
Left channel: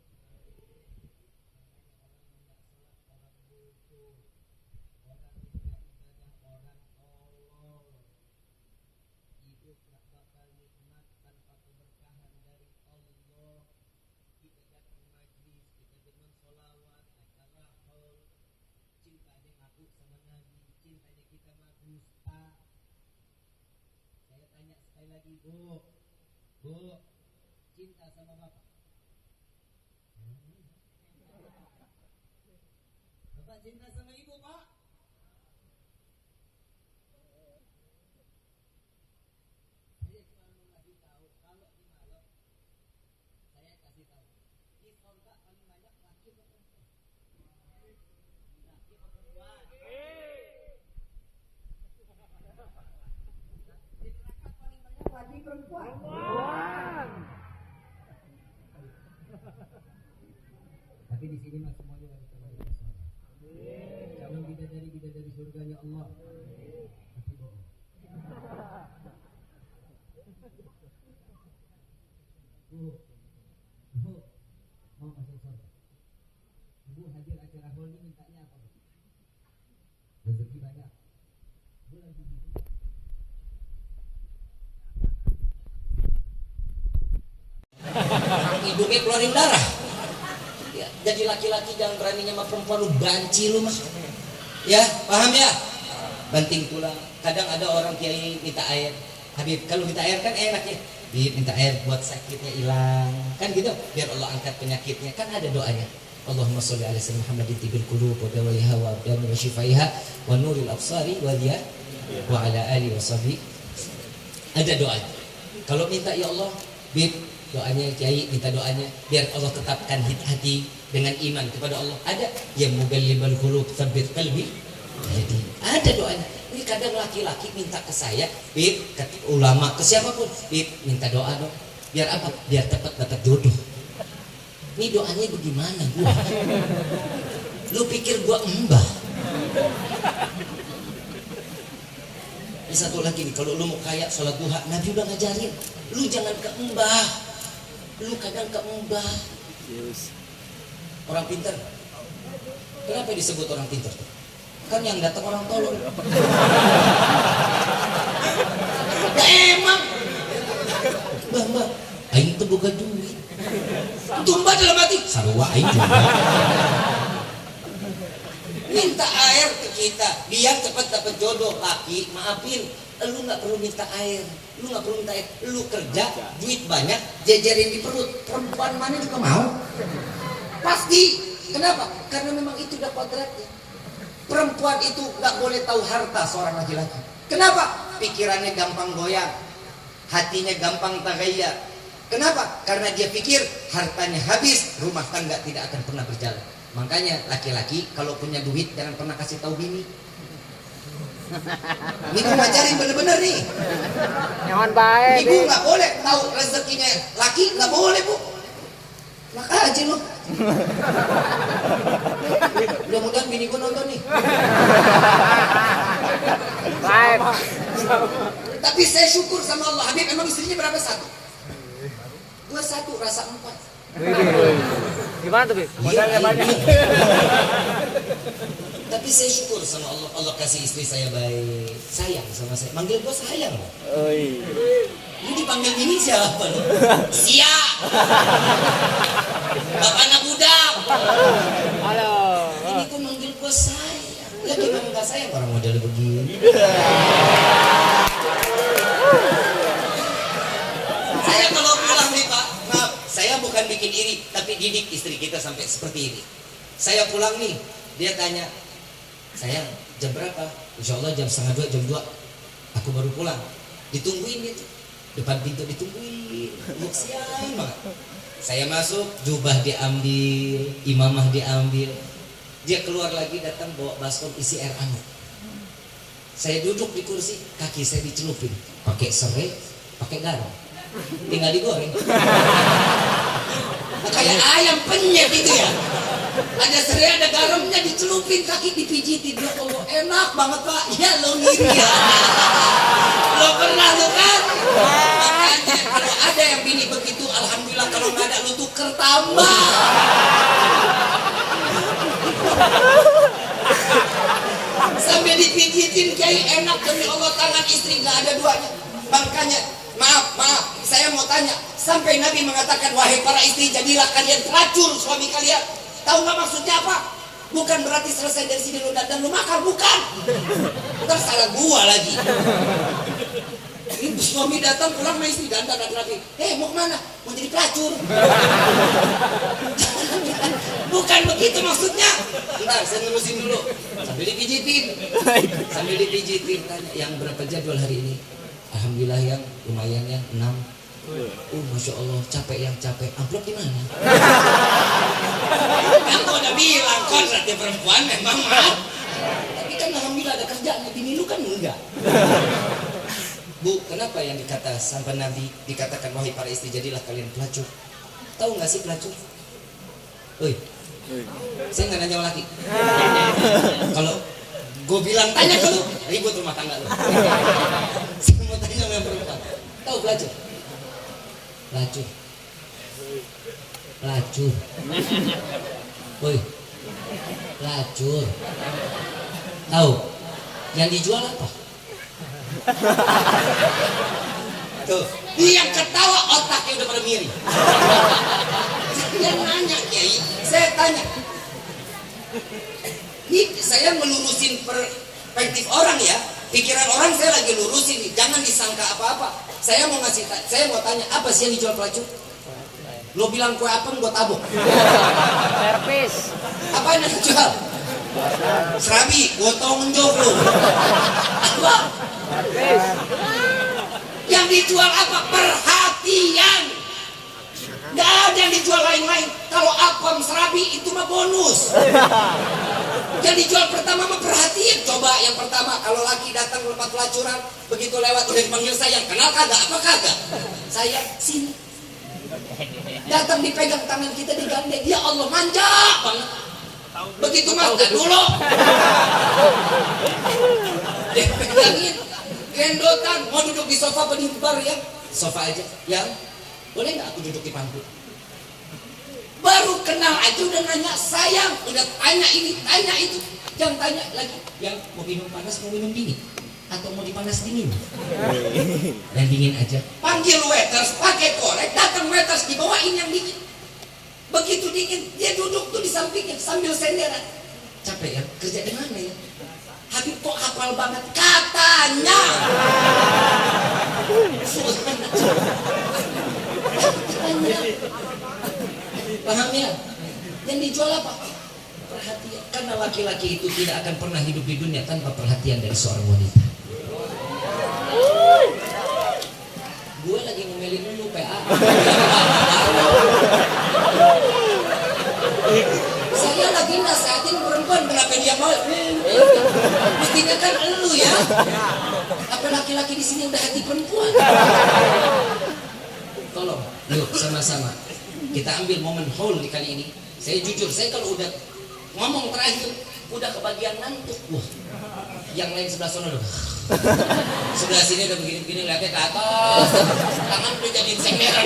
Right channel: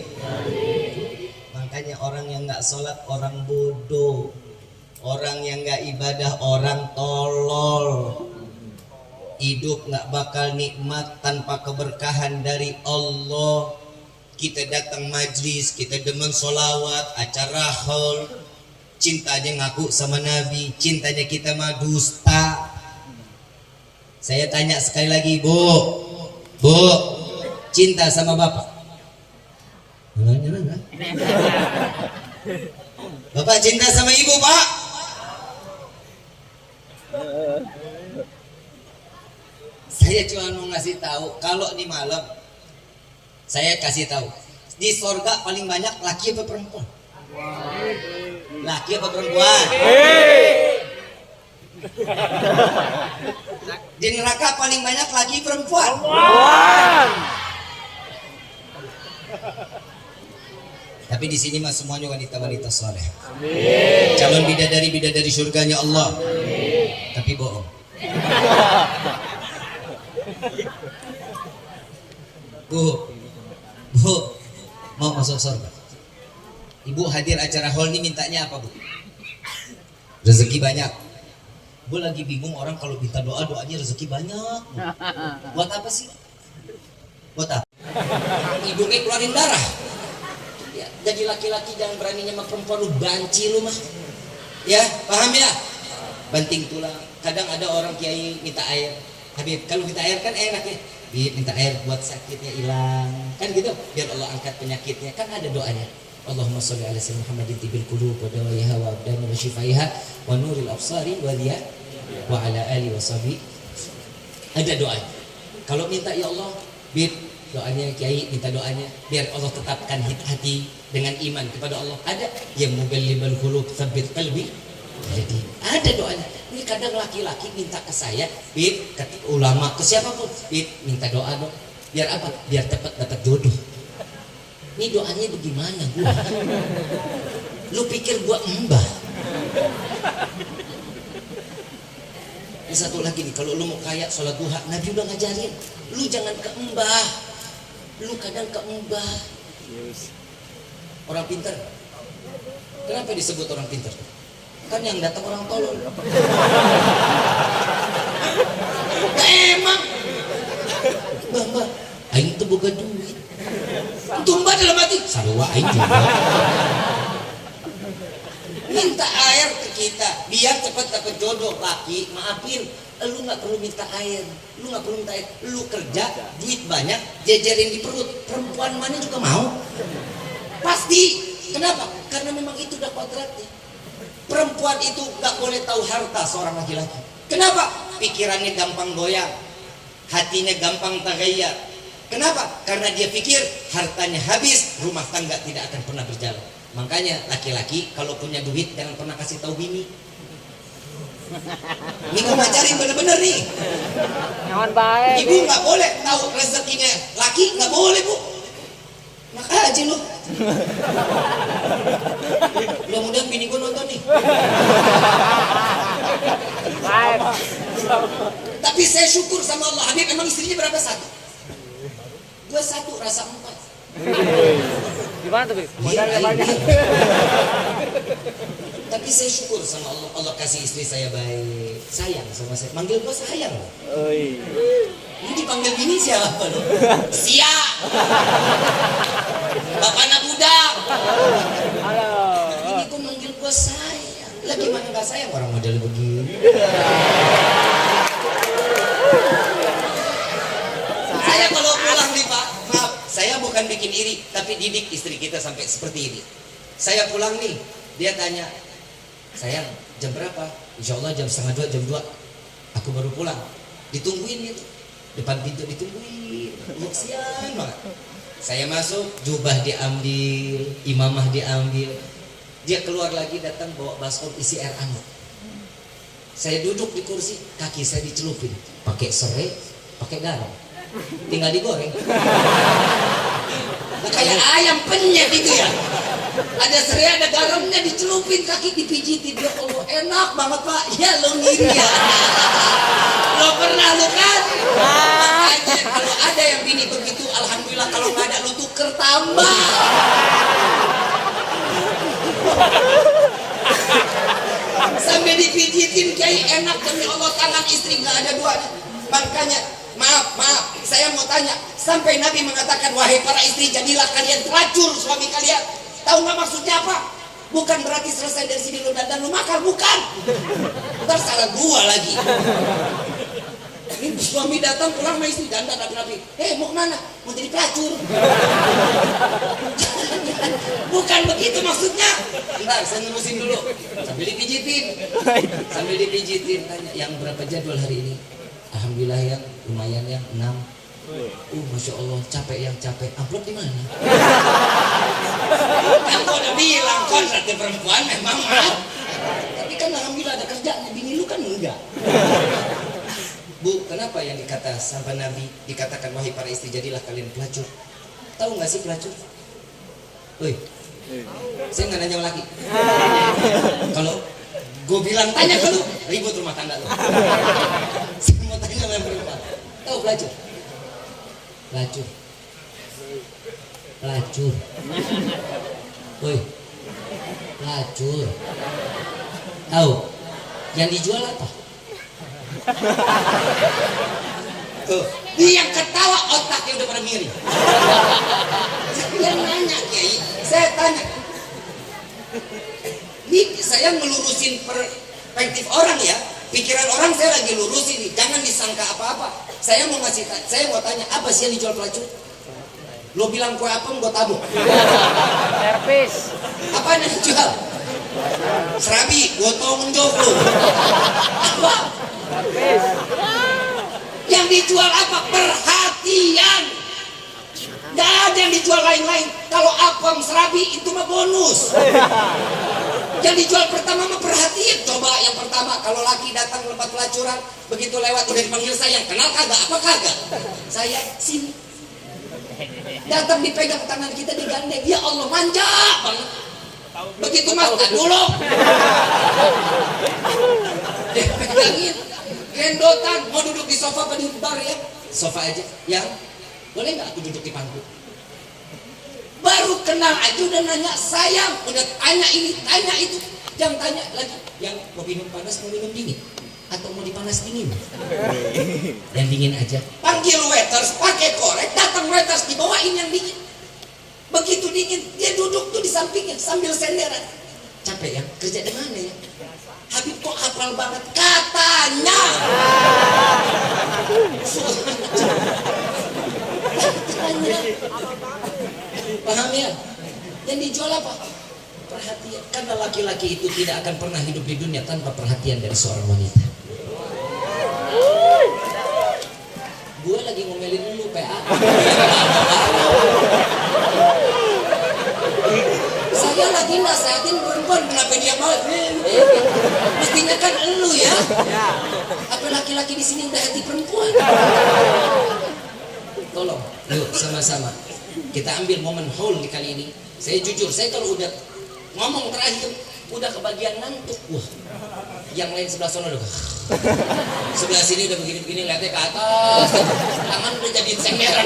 Makanya orang yang nggak sholat orang bodoh, orang yang nggak ibadah orang tolol. Hidup nggak bakal nikmat tanpa keberkahan dari Allah. Kita datang majlis, kita demen solawat, acara haul, cintanya ngaku sama Nabi, cintanya kita mah dusta. Saya tanya sekali lagi, Bu, cinta sama bapak? Bapak cinta sama ibu, Pak? Saya cuma mau ngasih tahu, kalau di malam saya kasih tahu, di sorga paling banyak laki apa perempuan? Laki apa perempuan? Di neraka paling banyak laki perempuan? Tapi di sini mah semuanya wanita-wanita saleh. Calon bidadari surganya Allah. Tapi bohong. Bu, mau masuk surga. Ibu hadir acara hall ini mintanya apa, Bu? Rezeki banyak. Bu lagi bingung, orang kalau minta doanya rezeki banyak. Buat apa sih? Buat apa? Ibunya keluarin darah. Ya, jadi laki-laki jangan berani sama perempuan, lu banci lu mah. Ya, paham ya? Banting tulang. Kadang ada orang kiai minta air. Habib, kalau minta air kan enak ya. Minta air buat sakitnya hilang. Kan gitu, biar Allah angkat penyakitnya. Kan ada doanya. Allahumma sholli ala sayyidina Muhammadin tibil qulub wa dawaiha wa abdan wa shifaiha wa nuril absari wa diya wa ala alihi wa sahbihi. Ada doanya. Kalau minta ya Allah, bib doanya kiai minta doanya biar Allah tetapkan hati dengan iman kepada Allah. Ada yang muballibal qulub tsabbit qalbi. Jadi ada doanya. Ini kadang laki-laki minta ke saya, bib, ke ulama, ke siapapun, bib, minta doa dong. Biar apa? Biar cepat dapat jodoh. Ini doanya bagaimana gua? Lu pikir gua mbah? Ini satu lagi nih, kalau lu mau kaya sholat duha, Nabi udah ngajarin, lu jangan ke mbah, lu kadang ke mbah. Orang pintar, kenapa disebut orang pintar? Kan yang datang orang tolong. Nah, emang, mbah, aing tuh boga duit. Tumbah dalam hati, sarua aing juga. Minta air ke kita, biar cepat dapat jodoh. Laki, maafin, lu nggak perlu minta air, lu kerja, duit banyak, jejerin di perut. Perempuan mana juga mau, pasti. Kenapa? Karena memang itu udah kodratnya. Perempuan itu nggak boleh tahu harta seorang laki-laki. Kenapa? Pikirannya gampang goyang, hatinya gampang tagayyar. Kenapa? Karena dia pikir hartanya habis, rumah tangga tidak akan pernah berjalan. Makanya laki-laki kalau punya duit jangan pernah kasih tahu bini. Ini gue ngajarin bener-bener nih. Jangan baik. Ibu nggak boleh tahu rezekinya laki, nggak boleh, Bu. Maka aja lu. Mudah-mudahan bini gue nonton nih. Baik. Tapi saya syukur sama Allah. Habib emang istrinya berapa? Satu? 21, rasa 4. Gimana tuh, Bib? Modalnya banyak. Tapi saya syukur sama Allah. Allah kasih istri saya baik, sayang sama saya. Manggil gue sayang loh. Ini dipanggil bini siapa loh? Sia. Bapaknya budak. Halo. Ini tuh manggil gue sayang. Lah gimana gak sayang orang model begini? Saya kalau pulang nih Pak, maaf, saya bukan bikin iri, tapi didik istri kita sampai seperti ini. Saya pulang nih, dia tanya, sayang jam berapa? Insya Allah jam 1:30, jam 2 aku baru pulang. Ditungguin gitu, depan pintu ditungguin, siang banget. Saya masuk, jubah diambil, imamah diambil. Dia keluar lagi datang bawa baskom isi air hangat. Saya duduk di kursi, kaki saya dicelupin, pakai serai, pakai garam. Tinggal digoreng. Nah, kayak ayam penyet itu ya. Ada serai, ada garamnya, dicelupin, kaki dipijitin. Ya Allah, enak banget Pak. Ya lo ya. Lo pernah lo kan? Makanya kalau ada yang bini begitu, alhamdulillah. Kalau nggak ada lu tuker tambah. Sampai dipijitin Kiai, enak demi Allah, tangan istri nggak ada duanya. Makanya maaf, saya mau tanya, sampai Nabi mengatakan wahai para istri jadilah kalian pelacur suami kalian. Tahu nggak maksudnya apa? Bukan berarti selesai dari sini lu dan lu makan, bukan. Ntar salah gua lagi. Ini suami datang pulang sama istri dandan rapi. Mau kemana? Mau jadi pelacur. Bukan begitu maksudnya. Bentar, saya nerusin dulu. Sambil dipijitin. Tanya, yang berapa jadwal hari ini? Alhamdulillah yang lumayan yang 6. Masya Allah, capek. Amplop di mana? Kan gua udah bilang kan, rati perempuan memang maaf. Tapi kan alhamdulillah ada kerjaan. Bini lu kan enggak. Bu, kenapa yang dikata sampai Nabi dikatakan wahai para istri jadilah kalian pelacur? Tahu nggak sih pelacur? Saya nggak nanya lagi. Kalau gue bilang tanya ke lu, ribut rumah tangga lu. Saya mau tanya sama perempuan. Tahu pelacur? Pelacur. Pelacur. Tahu? Yang dijual apa? Tuh, dia yang ketawa otaknya udah pada miring. Dia nanya Kiai, saya tanya. Ini saya melurusin perspektif orang ya, pikiran orang saya lagi lurusin nih, jangan disangka apa-apa. Saya mau tanya, apa sih yang dijual pelacur? Lo bilang kue apem, gue tabuk. Servis. Apa yang dijual? Serabi, gue tolong jauh lo. Apa? Yang dijual apa? Perhatian. Gak ada yang dijual lain-lain. Kalau apem serabi itu mah bonus. Yang dijual pertama mah perhatian. Coba yang pertama, kalau laki datang ke tempat pelacuran, begitu lewat udah dipanggil sayang, kenal kagak? Apa kagak? Saya sini. Datang dipegang tangan kita, digandeng. Ya Allah, manja banget. Begitu mas, dulu. Dipegangin. Gendotan, mau duduk di sofa apa di bar ya? Sofa aja, ya. Boleh nggak aku duduk di pangku? Baru kenal aja udah nanya sayang, udah tanya ini, tanya itu, jangan tanya lagi. Yang mau minum panas, mau minum dingin, atau mau dipanas dingin? Yang dingin aja. Panggil waiters, pakai korek, datang waiters dibawain yang dingin. Begitu dingin, dia duduk tuh di sampingnya sambil senderan. Capek ya, kerja di mana ya? Habib kok hafal banget katanya. Paham ya? Yang dijual apa? Perhatian. Karena laki-laki itu tidak akan pernah hidup di dunia tanpa perhatian dari seorang wanita. Gue lagi ngomelin dulu PA. Saya lagi nasihatin perempuan, kenapa dia mau? Mestinya kan elu ya. Apa laki-laki di sini udah hati perempuan? Tolong, yuk sama-sama kita ambil momen haul di kali ini. Saya jujur, saya kalau udah ngomong terakhir udah kebagian ngantuk. Wah, yang lain sebelah sana udah. Sebelah sini udah begini-begini ngeliatnya ke atas, tangan udah jadi senderan.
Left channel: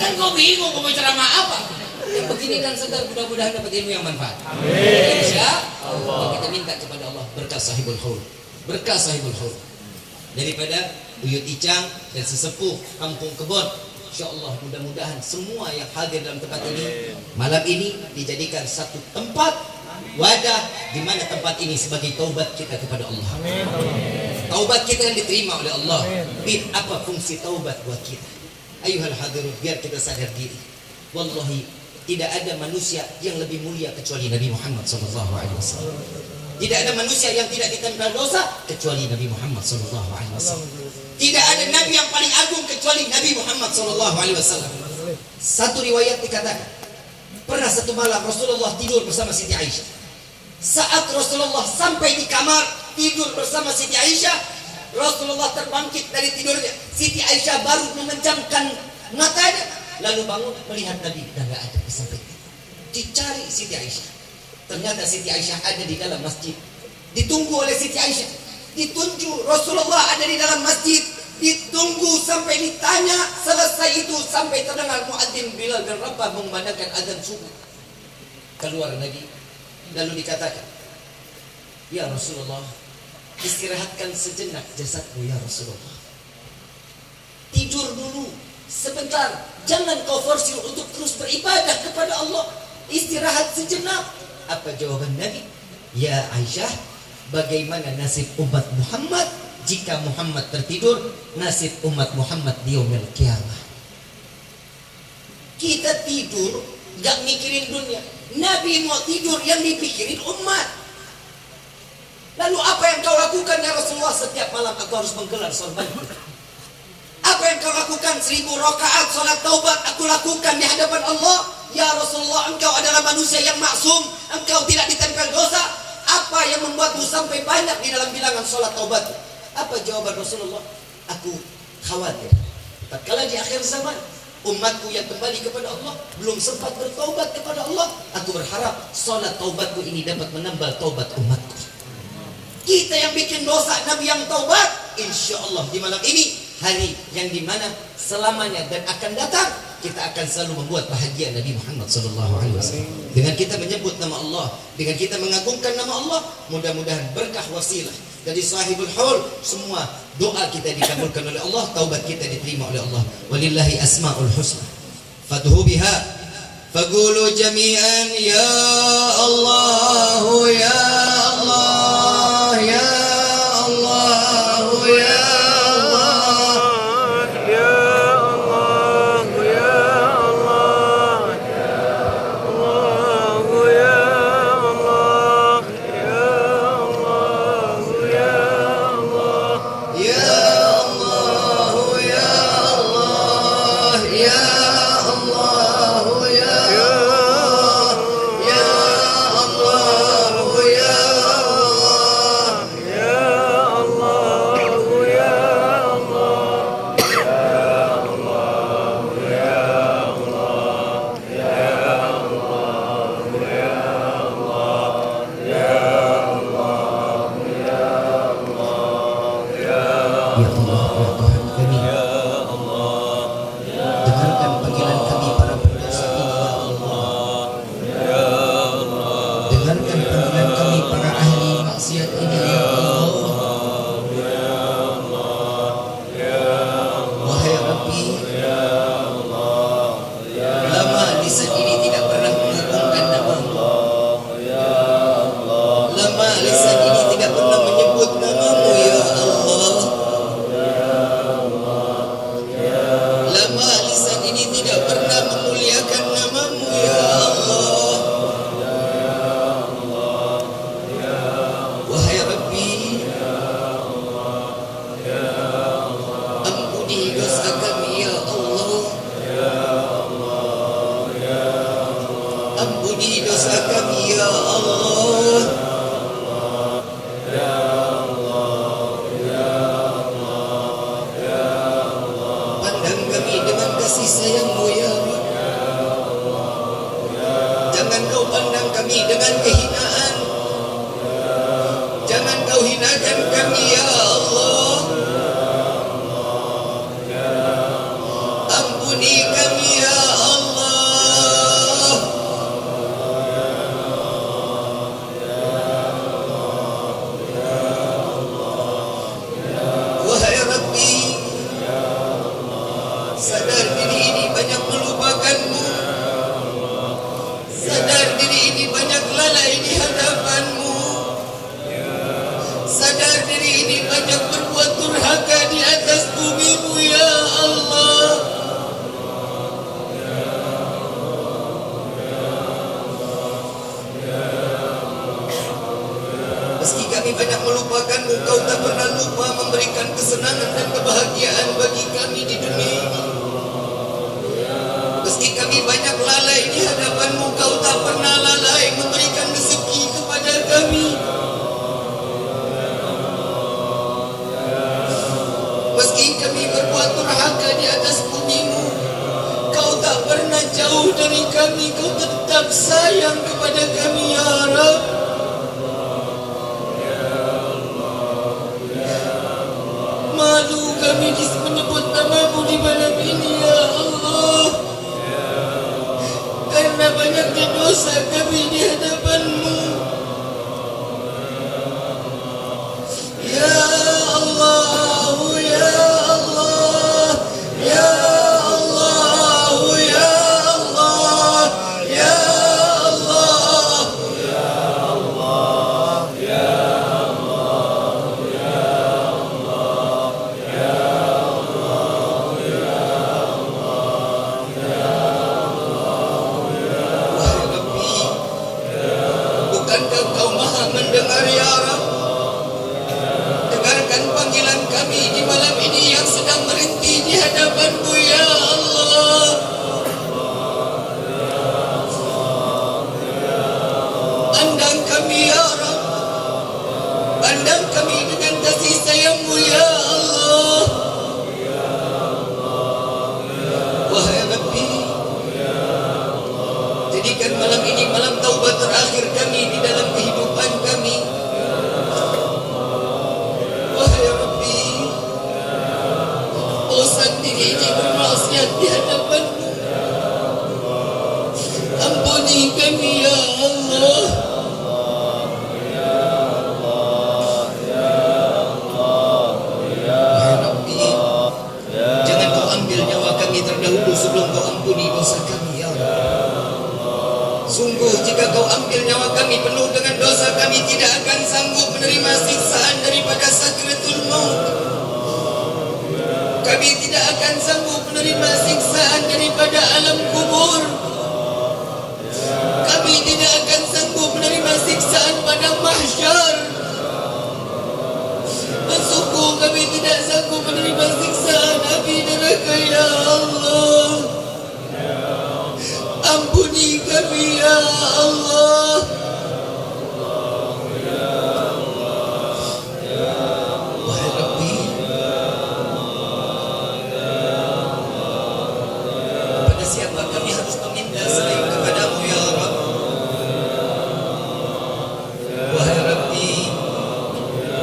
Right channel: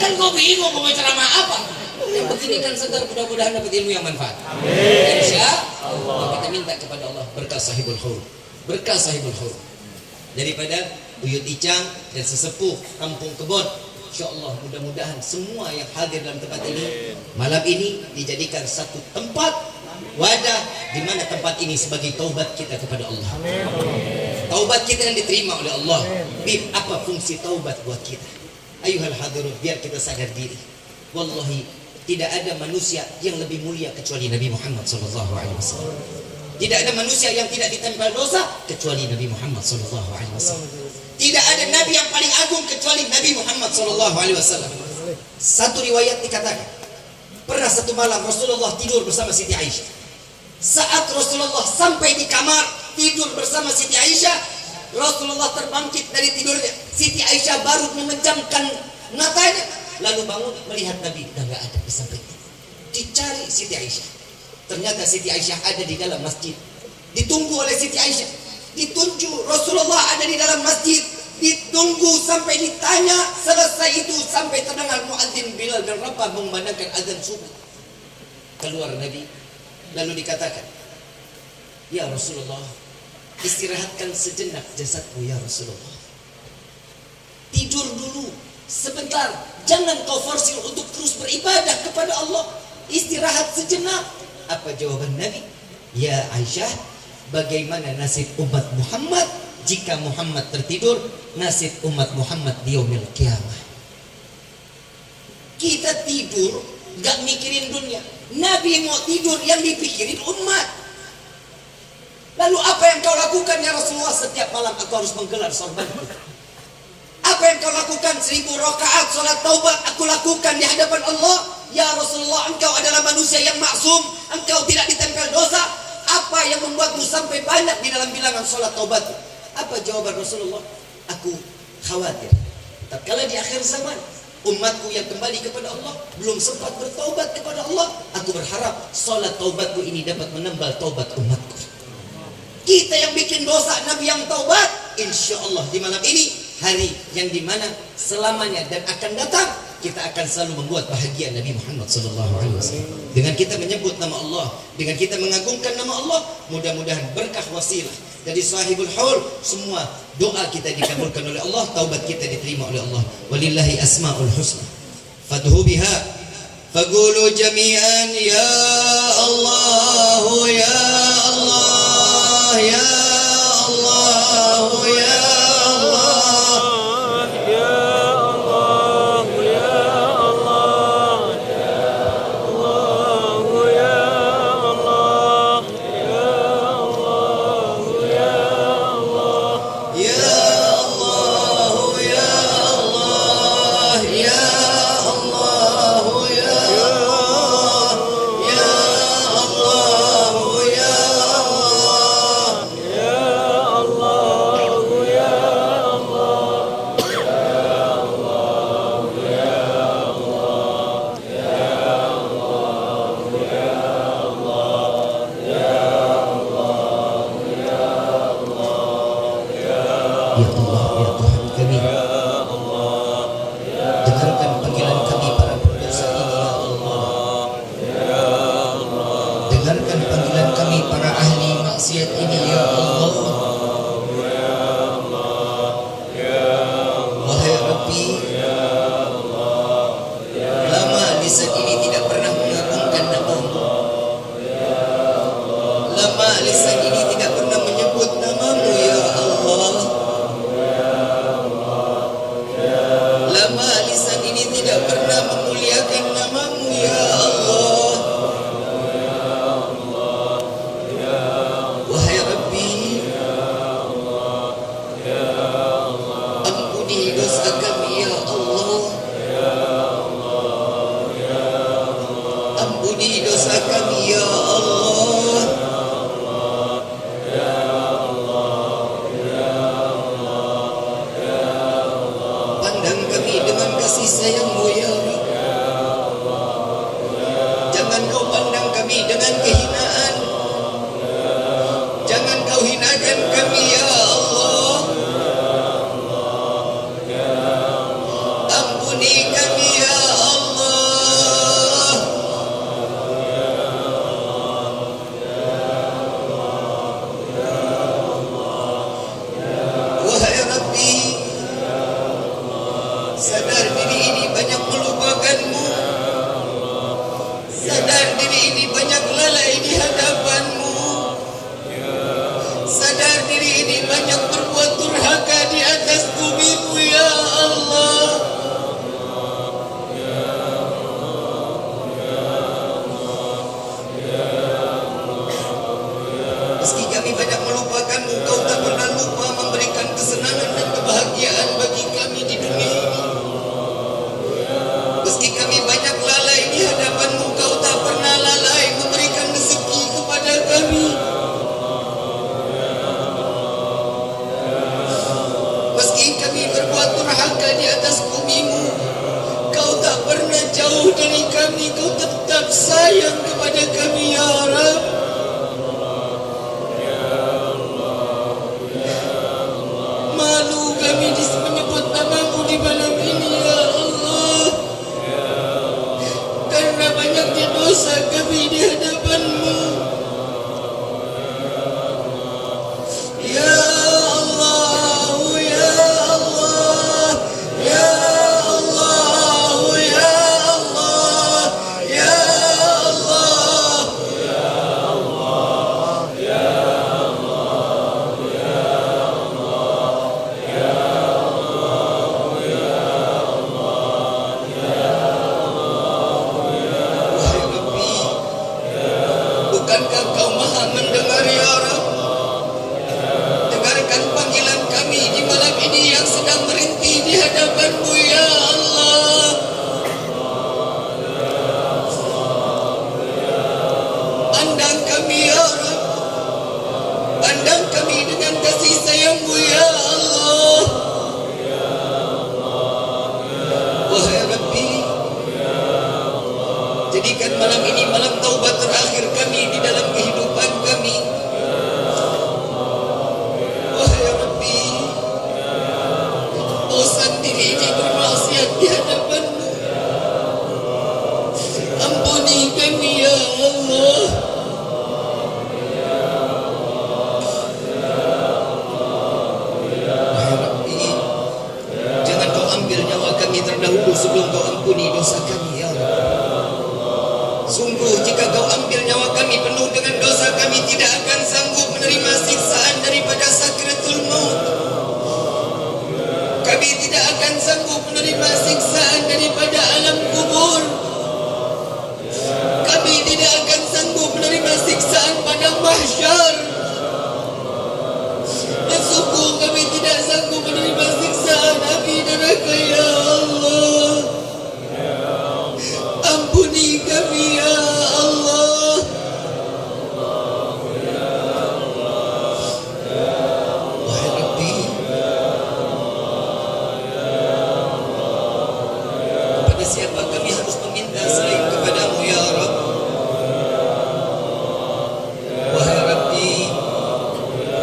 Kan gue bingung mau ceramah apa. Yang begini kan segar, mudah-mudahan dapat ilmu yang manfaat. Insya Allah. Kita minta kepada Allah berkah sahibul haul, berkah sahibul haul. Daripada Buyut Icang dan sesepuh Kampung Kebon, insya Allah mudah-mudahan semua yang hadir dalam tempat ini malam ini dijadikan satu tempat wadah di mana tempat ini sebagai taubat kita kepada Allah. Taubat kita yang diterima oleh Allah. Bib, apa fungsi taubat buat kita? Ayuhal hadirun, biar kita sadar diri. Wallahi tidak ada manusia yang lebih mulia kecuali Nabi Muhammad SAW. Tidak ada manusia yang tidak ditempel dosa kecuali Nabi Muhammad SAW. Tidak ada nabi yang paling agung kecuali Nabi Muhammad SAW. Satu riwayat dikatakan, pernah satu malam Rasulullah tidur bersama Siti Aisyah. Saat Rasulullah sampai di kamar tidur bersama Siti Aisyah, Rasulullah terbangkit dari tidurnya. Siti Aisyah baru memejamkan matanya, lalu bangun melihat Nabi dan gak ada di sampingnya. Dicari Siti Aisyah. Ternyata Siti Aisyah ada di dalam masjid. Ditunggu oleh Siti Aisyah. Ditunjuk Rasulullah ada di dalam masjid. Ditunggu sampai ditanya. Selesai itu sampai terdengar muadzin Bilal dan Rabah mengumandangkan azan subuh. Keluar Nabi. Lalu dikatakan, ya Rasulullah, istirahatkan sejenak jasadmu ya Rasulullah. Tidur dulu sebentar. Jangan kau forsir untuk terus beribadah kepada Allah. Istirahat sejenak. Apa jawaban Nabi? Ya Aisyah, bagaimana nasib umat Muhammad jika Muhammad tertidur? Nasib umat Muhammad di yaumil qiyamah. Kita tidur gak mikirin dunia. Nabi mau tidur, yang dipikirin umat. Lalu apa yang kau lakukan ya Rasulullah? Setiap malam aku harus menggelar sorbanku. Apa yang kau lakukan? 1000 rakaat salat taubat aku lakukan di hadapan Allah. Ya Rasulullah, engkau adalah manusia yang maksum, engkau tidak ditempel dosa. Apa yang membuatmu sampai banyak di dalam bilangan salat taubat? Apa jawaban Rasulullah? Aku khawatir tatkala di akhir zaman umatku yang kembali kepada Allah belum sempat bertaubat kepada Allah. Aku berharap salat taubatku ini dapat menambal taubat umatku. Kita yang bikin dosa, Nabi yang taubat. Insya Allah di malam ini, hari yang dimana selamanya dan akan datang, kita akan selalu membuat bahagia Nabi Muhammad SAW. Dengan kita menyebut nama Allah, dengan kita mengagungkan nama Allah, mudah-mudahan berkah wasilah dari sahibul haul, semua doa kita dikabulkan oleh Allah, taubat kita diterima oleh Allah. Walillahi asmaul husna fad'u biha faqulu jami'an ya Allah ya Allah ya Allah ya pernah jauh dari kami, Kau tetap sayang kepada kami ya Rabb. Malu kami menyebut nama-Mu di malam ini ya Allah, karena banyaknya dosa kami di hadapan-Mu. Ya Allah, ya Allah, ya Allah, ya Allah, ya Allah, wahai Rabbi, bukankah Kau maha mendengar ya Rabb? Dengarkan panggilan kami di malam ini yang sedang berhenti di hadapan-Mu ya Allah. Pandang kami ya Rabb, pandang kami dengan kasih sayang-Mu ya Allah. Wahai Rabbi, jadikan malam ini malam taubat terakhir kami di dalam kehidupan kami. Wahai Rabbi, bosan diri ini bermaksiat di hadapan-Mu. Ampuni kami ya Allah. Wahai Rabbi, jangan Kau ambil nyawa kami terdahulu sebelum Kau ampuni dosa kami ya Allah. Sungguh jika Kau ambil nyawa kami penuh dengan dosa, kami tidak akan sanggup menerima siksaan daripada sakratul maut. Kami tidak akan sanggup menerima siksaan daripada alam kubur. Kami tidak akan sanggup menerima siksaan pada mahsyar. Dan sungguh kami tidak sanggup menerima siksaan api neraka ya Allah. Ampuni kami ya Allah. Wahai Rabbi, kepada siapa kami harus meminta selain kepada-Mu ya Rabb? Wahai Rabbi,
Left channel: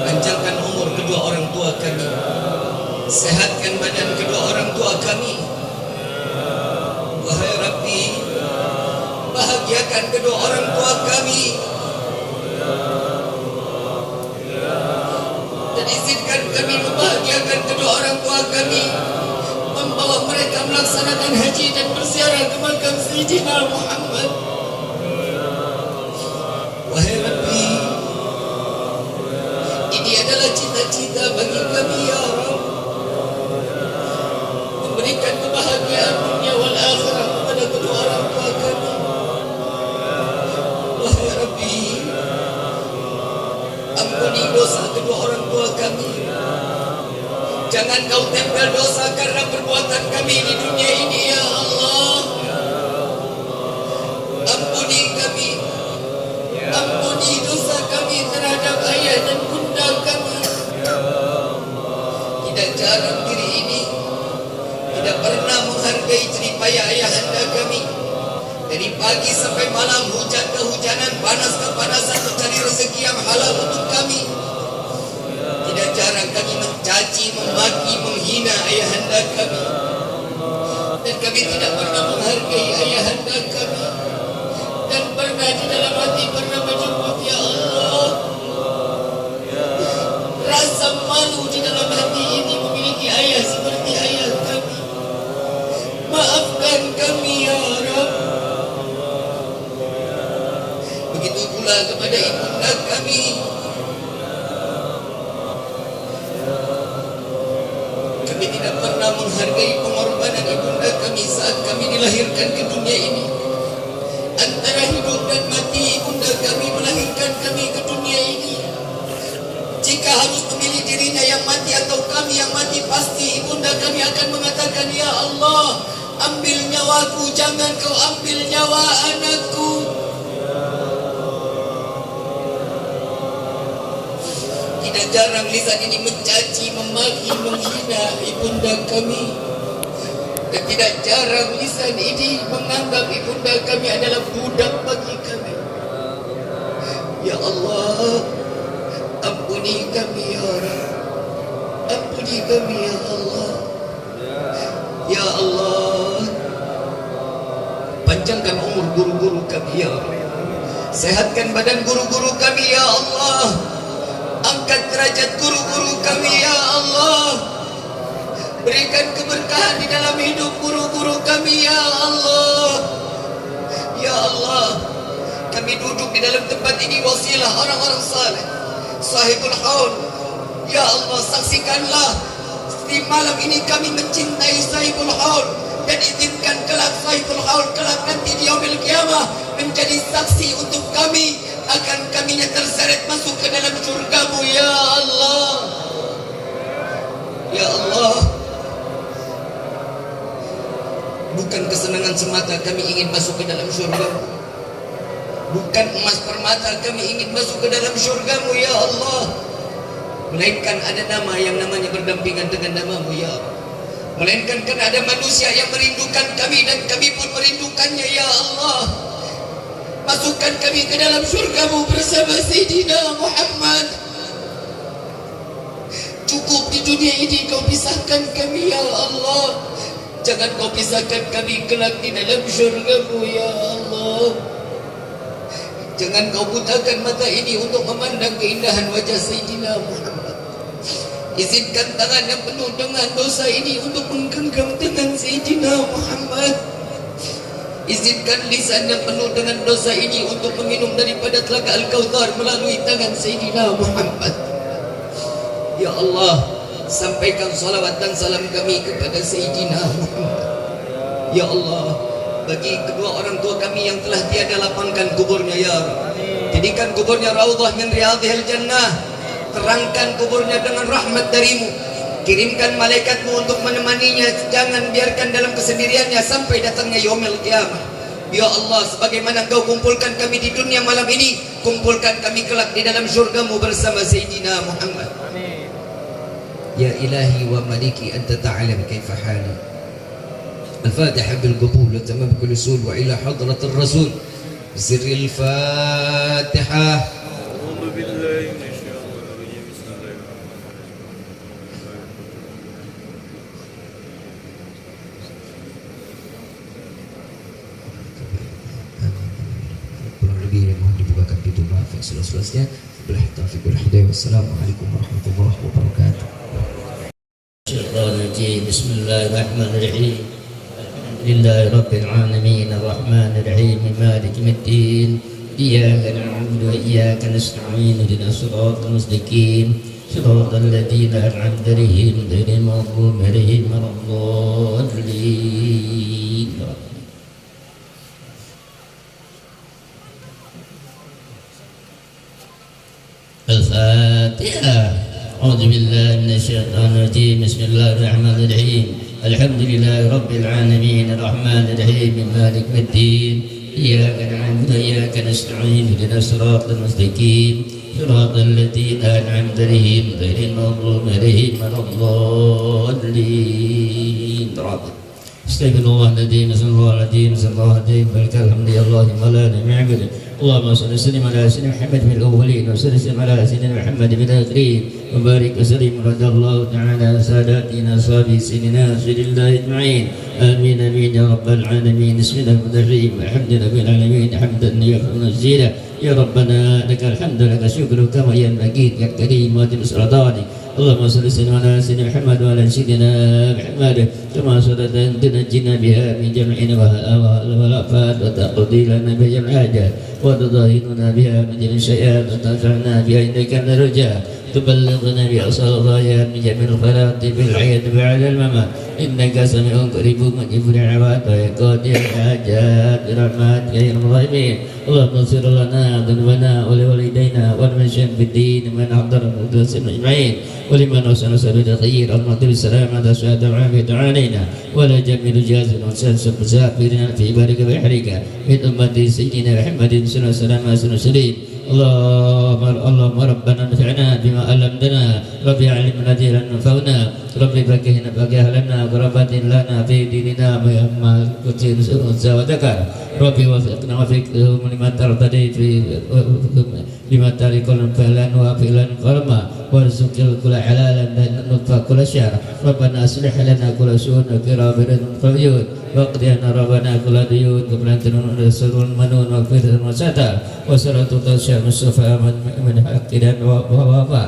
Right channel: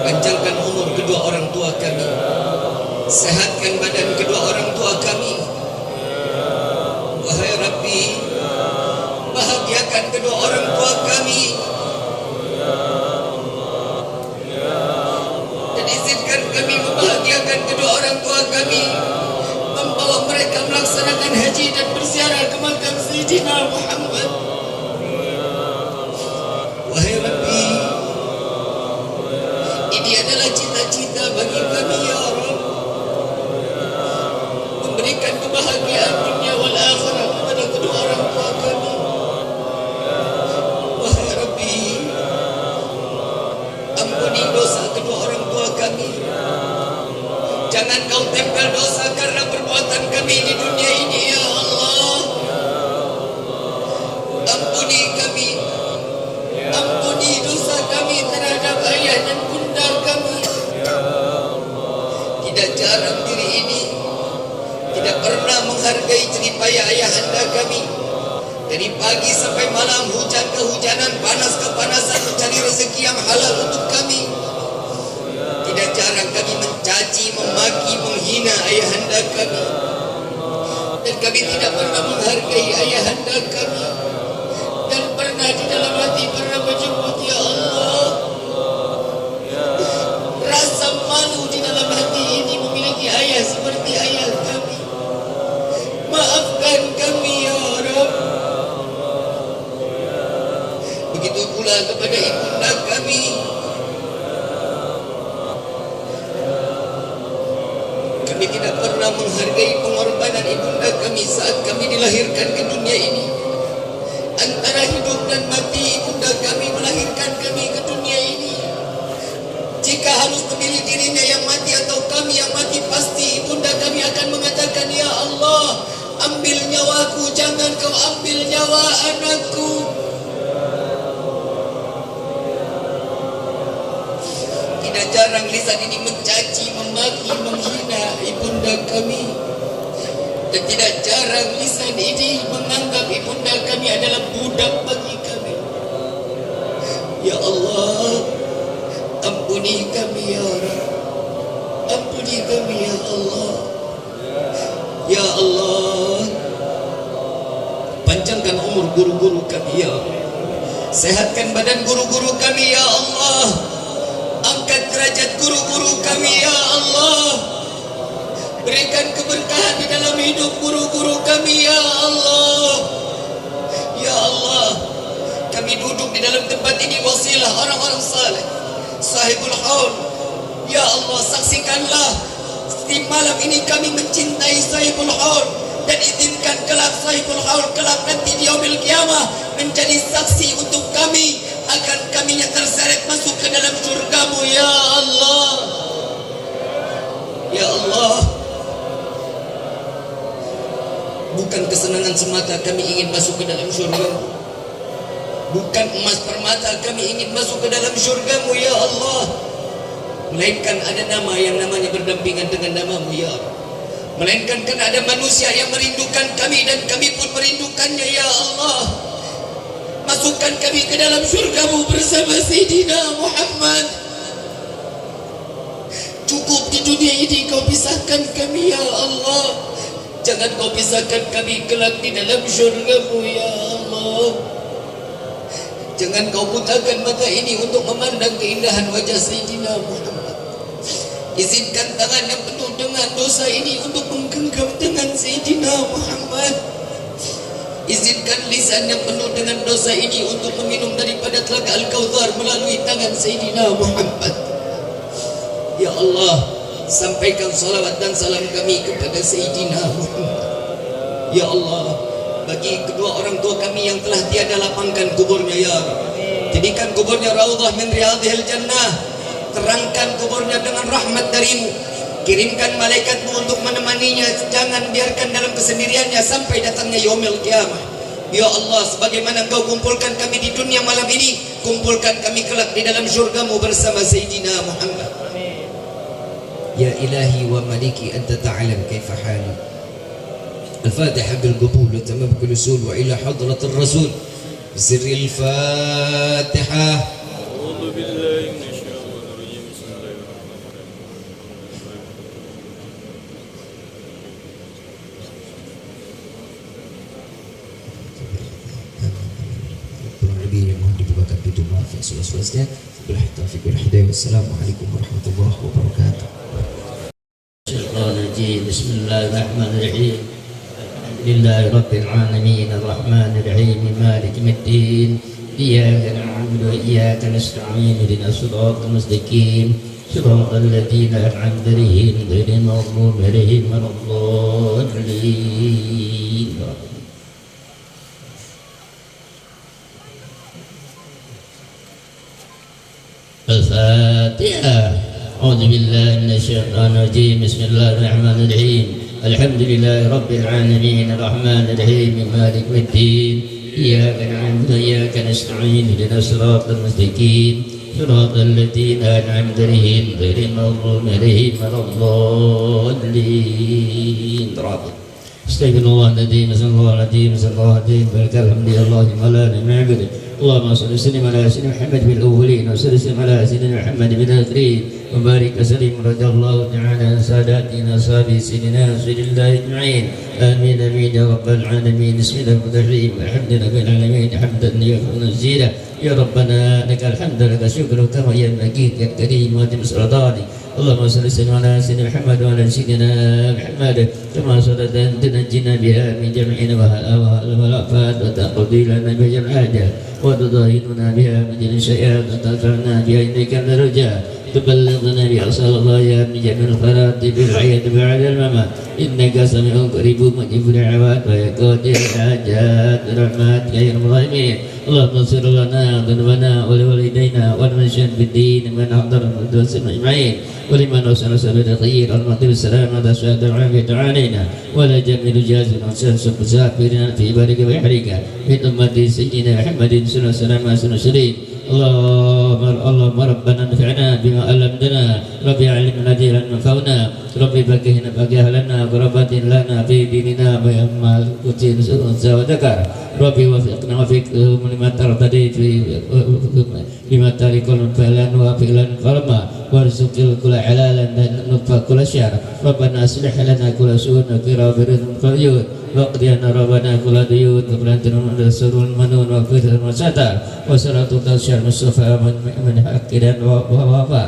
panjangkan umur kedua orang tua kami, sehatkan badan kedua orang tua kami. Wahai Rabbi, bahagiakan kedua orang tua kami, dan izinkan kami membahagiakan kedua orang tua kami, membawa mereka melaksanakan haji dan berziarah ke makam Sayyidina Muhammad. Wahai Rabbi, ini adalah cita-cita bagi kami ya Rabb, memberikan kebahagiaan dunia wal akhirah kepada kedua orang tua kami. Wahai Rabbi, ampuni dosa kedua orang tua kami. Jangan Kau tempel dosa karena perbuatan kami di dunia ini ya Allah. Ampuni kami, ampuni dosa kami terhadap ayah dan bunda kami. Tidak jarang diri ini tidak pernah menghargai jeripaya ayahanda kami. Dari pagi sampai malam, hujan kehujanan, panas kepanasan, mencari rezeki yang halal untuk kami. Tidak jarang kami mencaci, memaki, menghina ayahanda kami. Dan kami tidak pernah menghargai ayahanda kami. Dan pernah di dalam hati pernah menyebut ya Allah. Rasa malu di dalam hati ini memiliki ayah seperti ayah kami. Maafkan kami ya Rabb. Begitu pula kepada ibunda kami. Kami tidak pernah menghargai pengorbanan ibunda kami saat kami dilahirkan ke dunia ini. Antara hidup dan mati, ibunda kami melahirkan kami ke dunia ini. Jika harus memilih dirinya yang mati atau kami yang mati, pasti ibunda kami akan mengatakan, ya Allah, ambil nyawaku, jangan Kau ambil nyawa anakku. Tidak jarang lisan ini mencaci, memaki, menghina ibunda kami. Dan tidak jarang lisan ini menganggap ibunda kami adalah budak bagi kami. Ya Allah, ampuni kami ya Rabb. Ampuni kami ya Allah. Ya Allah, panjangkan umur guru-guru kami ya Allah. Sehatkan badan guru-guru kami ya Allah. Angkat derajat guru-guru kami ya Allah. Berikan keberkahan di dalam hidup guru-guru kami ya Allah. Ya Allah, kami duduk di dalam tempat ini wasilah orang-orang saleh, sahibul haul. Ya Allah, saksikanlah di malam ini kami mencintai sahibul haul, dan izinkan kelak sahibul haul kelak nanti di yaumil qiyamah menjadi saksi untuk kami akan kami yang terseret masuk ke dalam surgamu ya Allah. Ya Allah, bukan kesenangan semata kami ingin masuk ke dalam surgamu, bukan emas permata kami ingin masuk ke dalam surgamu ya Allah, melainkan ada nama yang namanya berdampingan dengan namamu ya Allah. Melainkan karena ada manusia yang merindukan kami dan kami pun merindukannya ya Allah. Masukkan kami ke dalam surgamu bersama Sayyidina Muhammad. Cukup di dunia ini kau pisahkan kami ya Allah. Jangan kau pisahkan kami kelak di dalam surgamu ya Allah. Jangan kau butakan mata ini untuk memandang keindahan wajah Sayyidina Muhammad. Izinkan tangan yang penuh dengan dosa ini untuk menggenggam tangan Sayyidina Muhammad. Izinkan lisan yang penuh dengan dosa ini untuk meminum daripada telaga Al-Kautsar melalui tangan Sayyidina Muhammad. Ya Allah, sampaikan salawat dan salam kami kepada Sayyidina Muhammad. Ya Allah, bagi kedua orang tua kami yang telah tiada, lapangkan kuburnya ya Allah. Jadikan kuburnya raudhah min riyadhil jannah. Terangkan kuburnya dengan rahmat darimu. Kirimkan malaikatmu untuk menemaninya. Jangan biarkan dalam kesendiriannya sampai datangnya yaumil qiyamah. Ya Allah, sebagaimana kau kumpulkan kami di dunia malam ini, kumpulkan kami kelak di dalam syurgamu bersama Sayyidina Muhammad. Ya ilahi wa maliki anta ta'lam kaifa hali. Al-Fatiha bil qabul wa tamam kulli usul wa ila hadratir rasul. Sirril Fatihah. A'udzu billahi minasyaitonir rajim. Bismillahirrahmanirrahim. Assalamualaikum warahmatullahi wabarakatuh. Bismillahirrahmanirrahim. Alhamdulillahi rabbil alamin arrahmanir rahim maliki yaumiddin. Iyyaka na'budu wa iyyaka nasta'in ihdinas siratal mustaqim siratal ladzina an'amta 'alaihim ghairil maghdubi 'alaihim waladdallin. Al-Fatihah. A'udzu billahi minasyaitonir rajim. Bismillahirrahmanirrahim. Alhamdulillahi rabbil alamin arrahmanir rahim maliki yaumiddin. Iyyaka na'budu wa iyyaka nasta'in ihdinas siratal mustaqim siratal ladzina an'amta 'alaihim ghairil maghdubi 'alaihim waladdallin. Astagfirullahaladzim, astagfirullahaladzim, astagfirullahaladzim. Alhamdulillahi wa la na'budu. Allahumma salli wa sallim ala sayyidina Muhammad bil awwalin wa sallim ala sayyidina Muhammad bil akhirin wa barik wa sallim radhiyallahu ta'ala sadatina sayyidina ajma'in. Amin amin ya rabbal alamin. Bismillahirrahmanirrahim. Alhamdulillahi rabbil alamin hamdan yuhibbu zina. Ya rabbana lakal hamdu laka syukru kama yanbaghi ya karim wa timsradani. اللهم صل وسلم على سيدنا محمد وعلى سيدنا محمد كما صليت تنجينا بها من جميع الآفات وتقضي لنا بها جميع الحاجات وتضاهينا بها من جميع الشيئات وتنفعنا بها إنك من الرجاء تبلغنا بأصل الغايات من جميع الخيرات في الحياة وبعد الممات إنك سميع قريب مجيب الدعوات ويقضي الحاجات برحمتك يا أرحم الراحمين. اللهم اغفر لنا ذنوبنا ولوالدينا والمشايخ في الدين من حضر المدرسة أجمعين ولمن وصل سبيل الخير المطلب السلام على سعادة العافية علينا ولا جميل جازم وسلسل مسافرنا في بارك ويحرك من أمة سيدنا محمد صلى الله عليه وسلم. اللهم ربنا انفعنا بما علمتنا ربي علمنا دينا ينفعنا ربي فقهنا فقه لنا قربات لنا في ديننا ويما كتير وذكر ربي وفقنا وفقهم لما ترتدي في لما تارك فعلا وفعلا قرما وارزق كل حلالا نطفى كل شر ربنا اصلح لنا كل شؤون في رافر قريون واقضي أن ربنا كل ديون كبرانتنا من رسول المنون وكفر المساتر وصلاة التوسع مصطفى من حقنا ووفا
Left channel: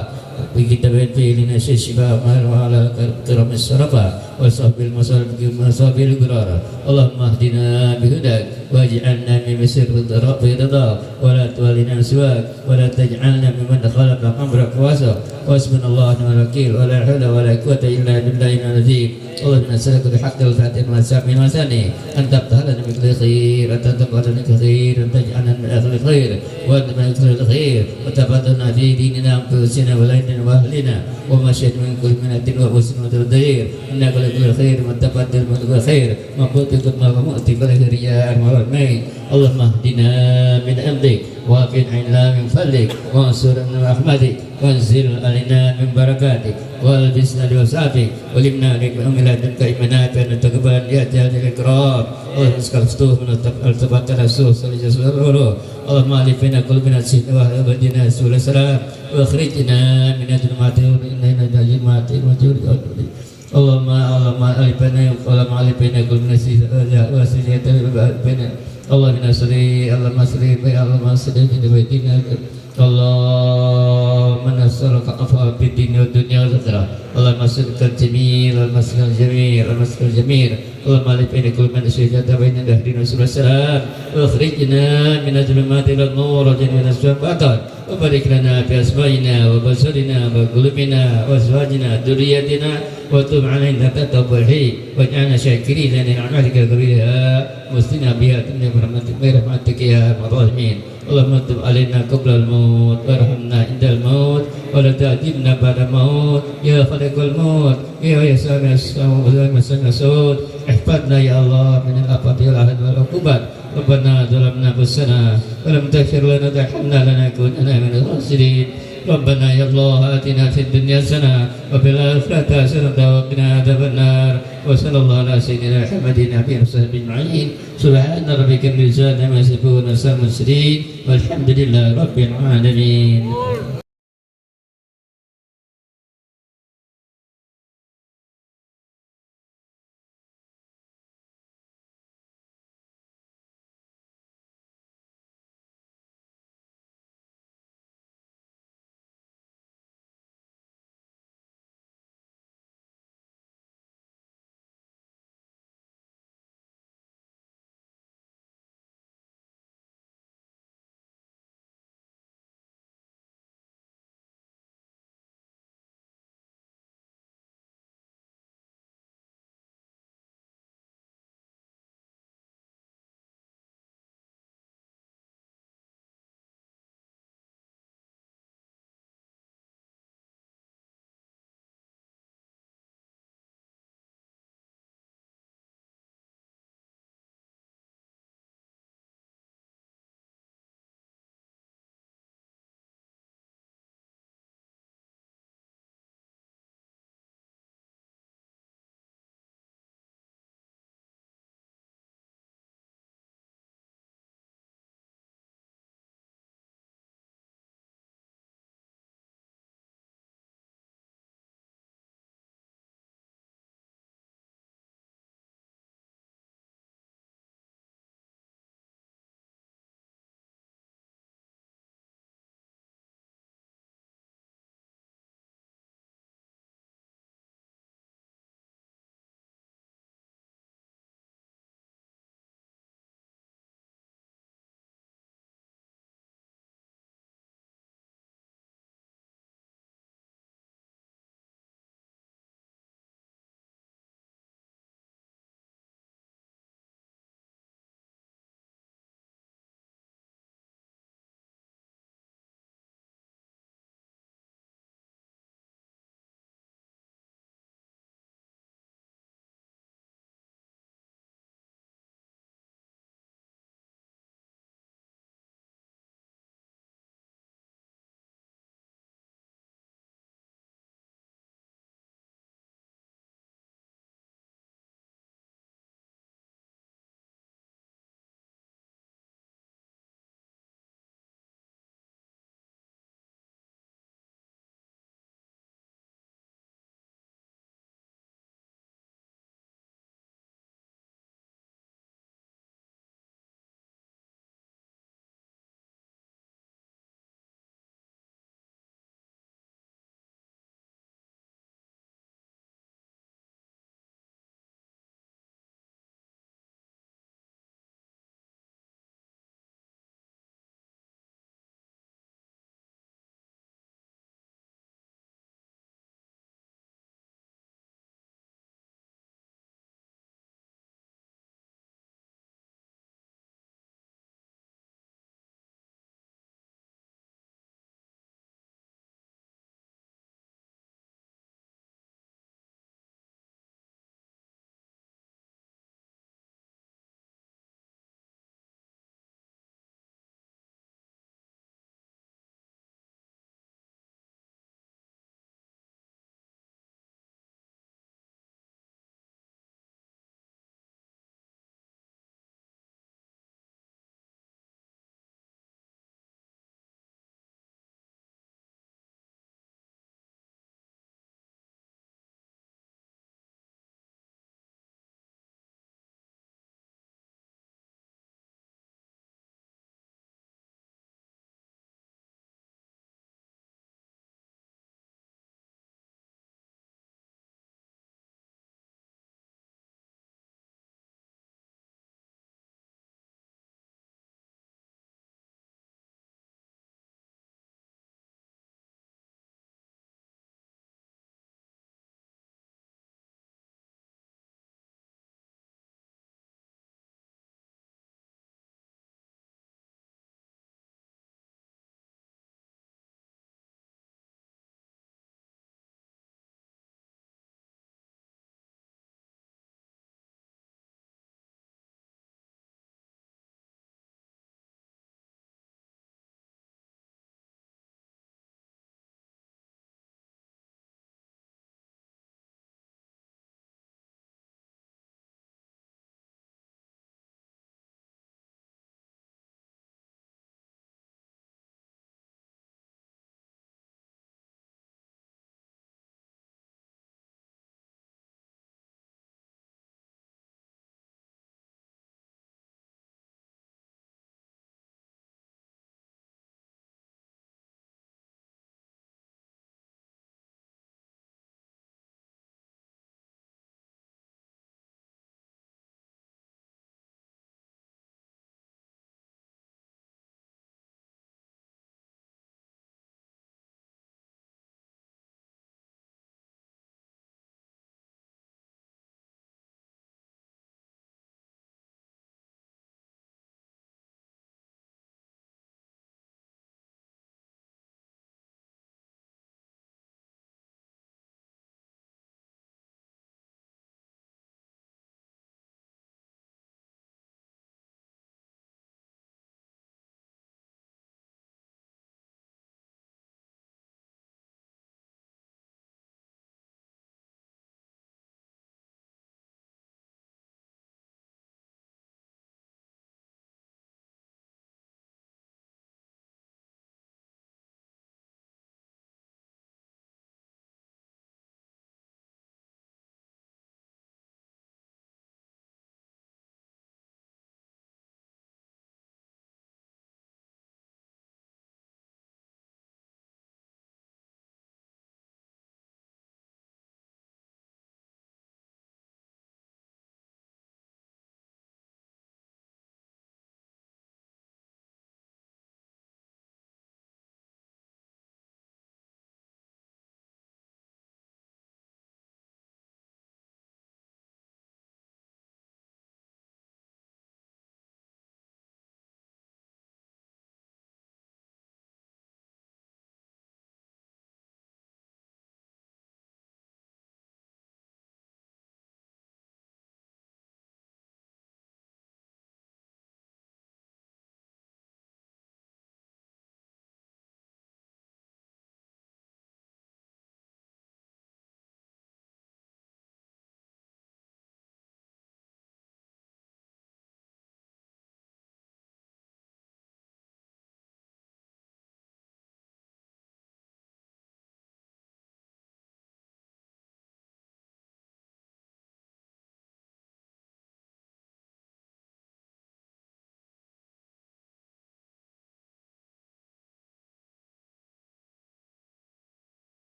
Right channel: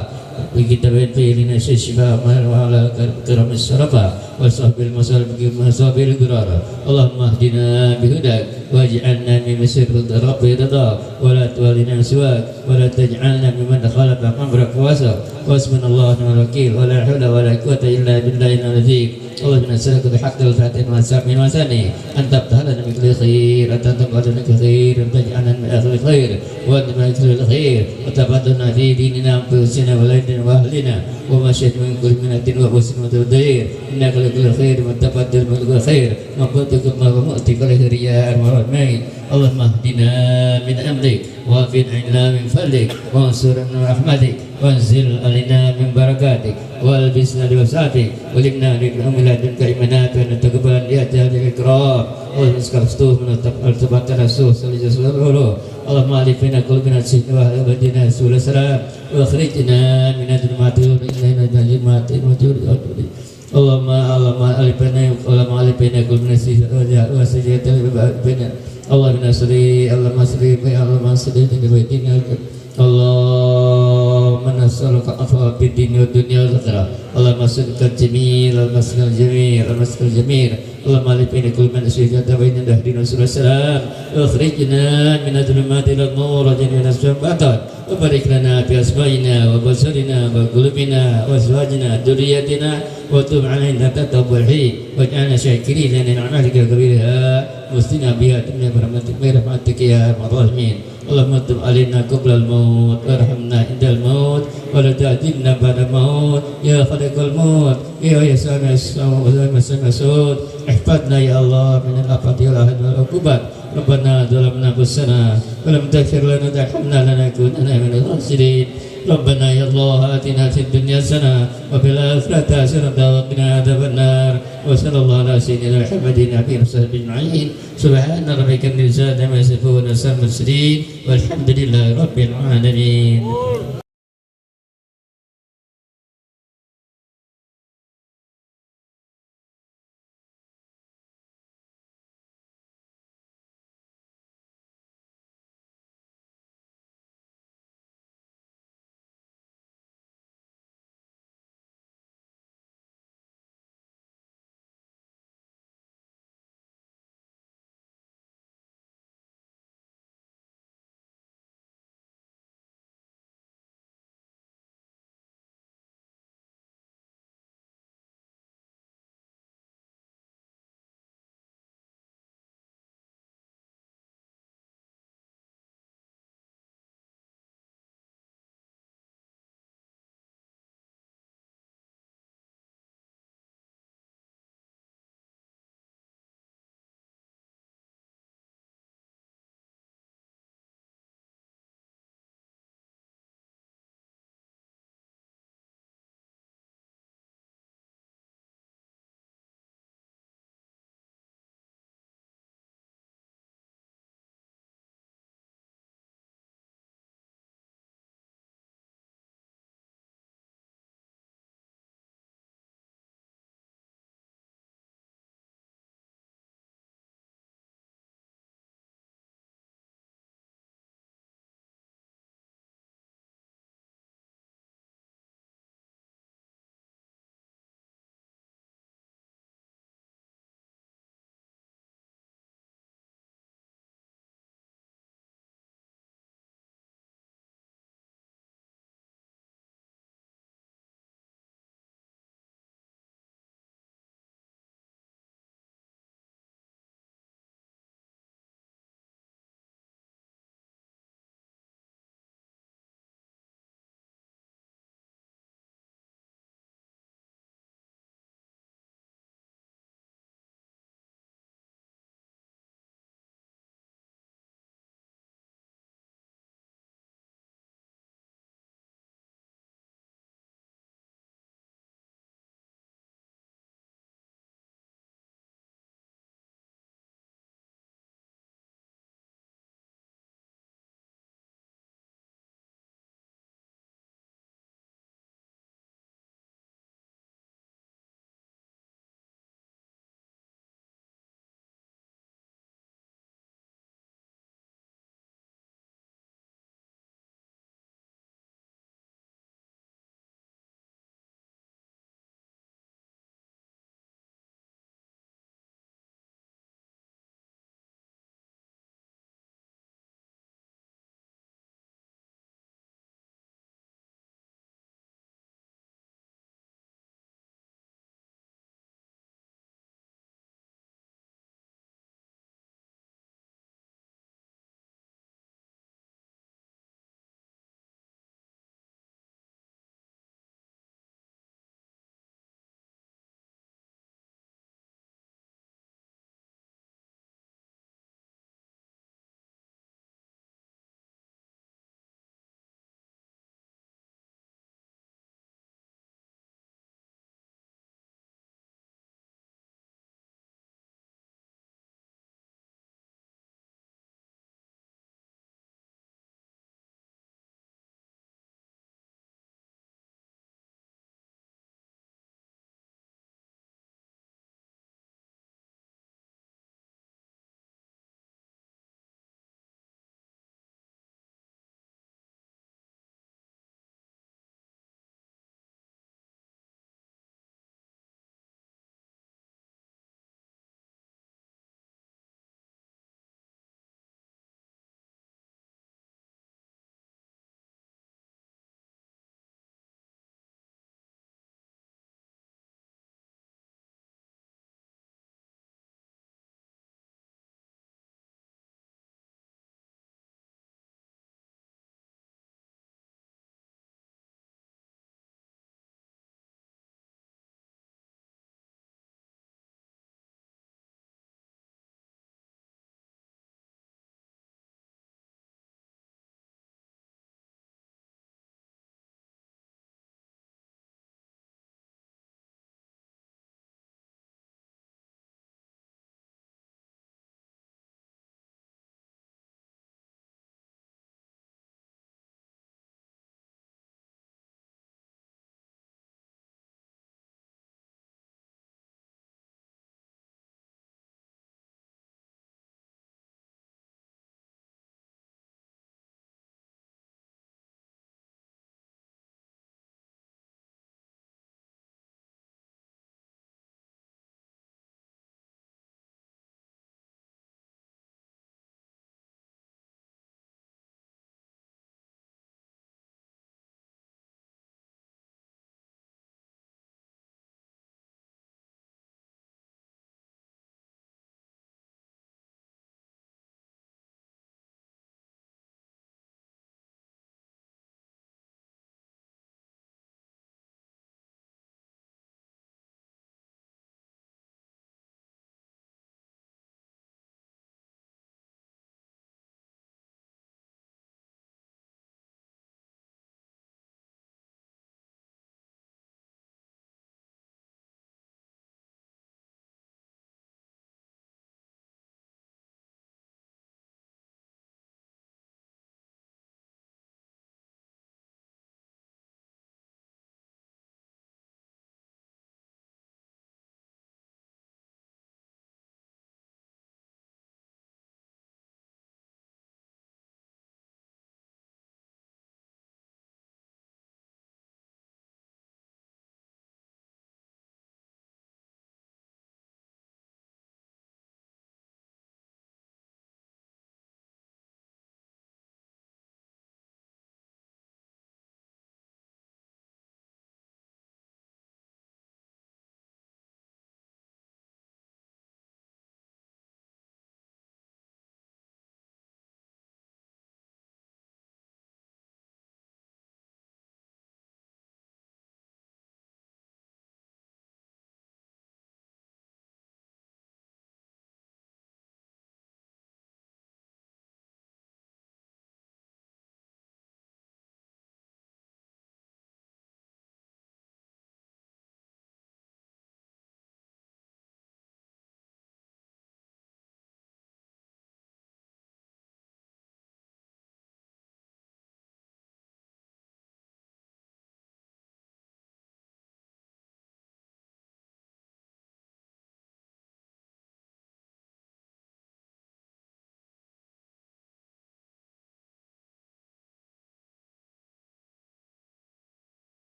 بكتاب لنا شفاء وعلى كرم السرقة وصحب المصالح بمصاب القرار اللهم اهدنا بهداك واجعلنا من مسير رب رضا ولا تولنا سواك ولا تجعلنا ممن خلق أمرك واسع واسمنا الله ونعم الوكيل ولا حول ولا قوة إلا بالله العظيم اللهم نسألك بحق الفاتحة والسامين والثاني أن تفتح لنا من كل خير أن تقبل لنا كل خير أن تجعلنا من أهل الخير وأنت من كل الخير وتفضلنا في ديننا وأنفسنا ولدنا وأهلنا وما شئت من كل منة وحسن وتدير إنك لكل خير وتفضل من كل خير مقبولك ما ومؤتي كل رياء والمين اللهم اهدنا من أمرك وافن عنا من فضلك وانصرنا من رحمتك وانزل علينا من بركاتك والبسنا لوسعتك ولمنا لكم لدنك إيمانات أن تقبل لأجل الإكرام اللهم اسكفتوه من التبقى رسول صلى الله عليه وسلم اللهم علي بين قلوبنا السجن وأبدنا سبل السلام واخرجنا من الظلمات إلى الظلمات اللهم علي بين قلوبنا السجن وأبدنا اللهم صل في بيتنا اللهم نسألك عفوا في الدين والدنيا والآخرة اللهم نسألك الجميل المسك الجميل المسك الجميل اللهم علي بين كل من أشركت بين دهرنا سبل السلام واخرجنا من الظلمات إلى النور وجعلنا الشفاعة وبارك لنا في أسمائنا وبصرنا وقلوبنا وأزواجنا ذريتنا وتب علينا توبة الحي واجعلنا شاكرين لنعمتك كبيرها مسلمين بها برحمتك يا أرحم الراحمين اللهم تب علينا قبل الموت وارحمنا عند الموت ولا تعذبنا بعد الموت يا خالق الموت يا سامع الصوت احفظنا يا الله من الآفات والعقوبات ربنا ظلمنا أنفسنا ولم تغفر لنا وترحمنا لنكونن من الخاسرين ربنا يا الله آتنا في الدنيا حسنة وفي الآخرة حسنة وقنا عذاب النار وصلى الله على سيدنا محمد النبي وصحبه أجمعين سبحان ربك رب العزة عما يصفون وسلام المرسلين والحمد لله رب العالمين.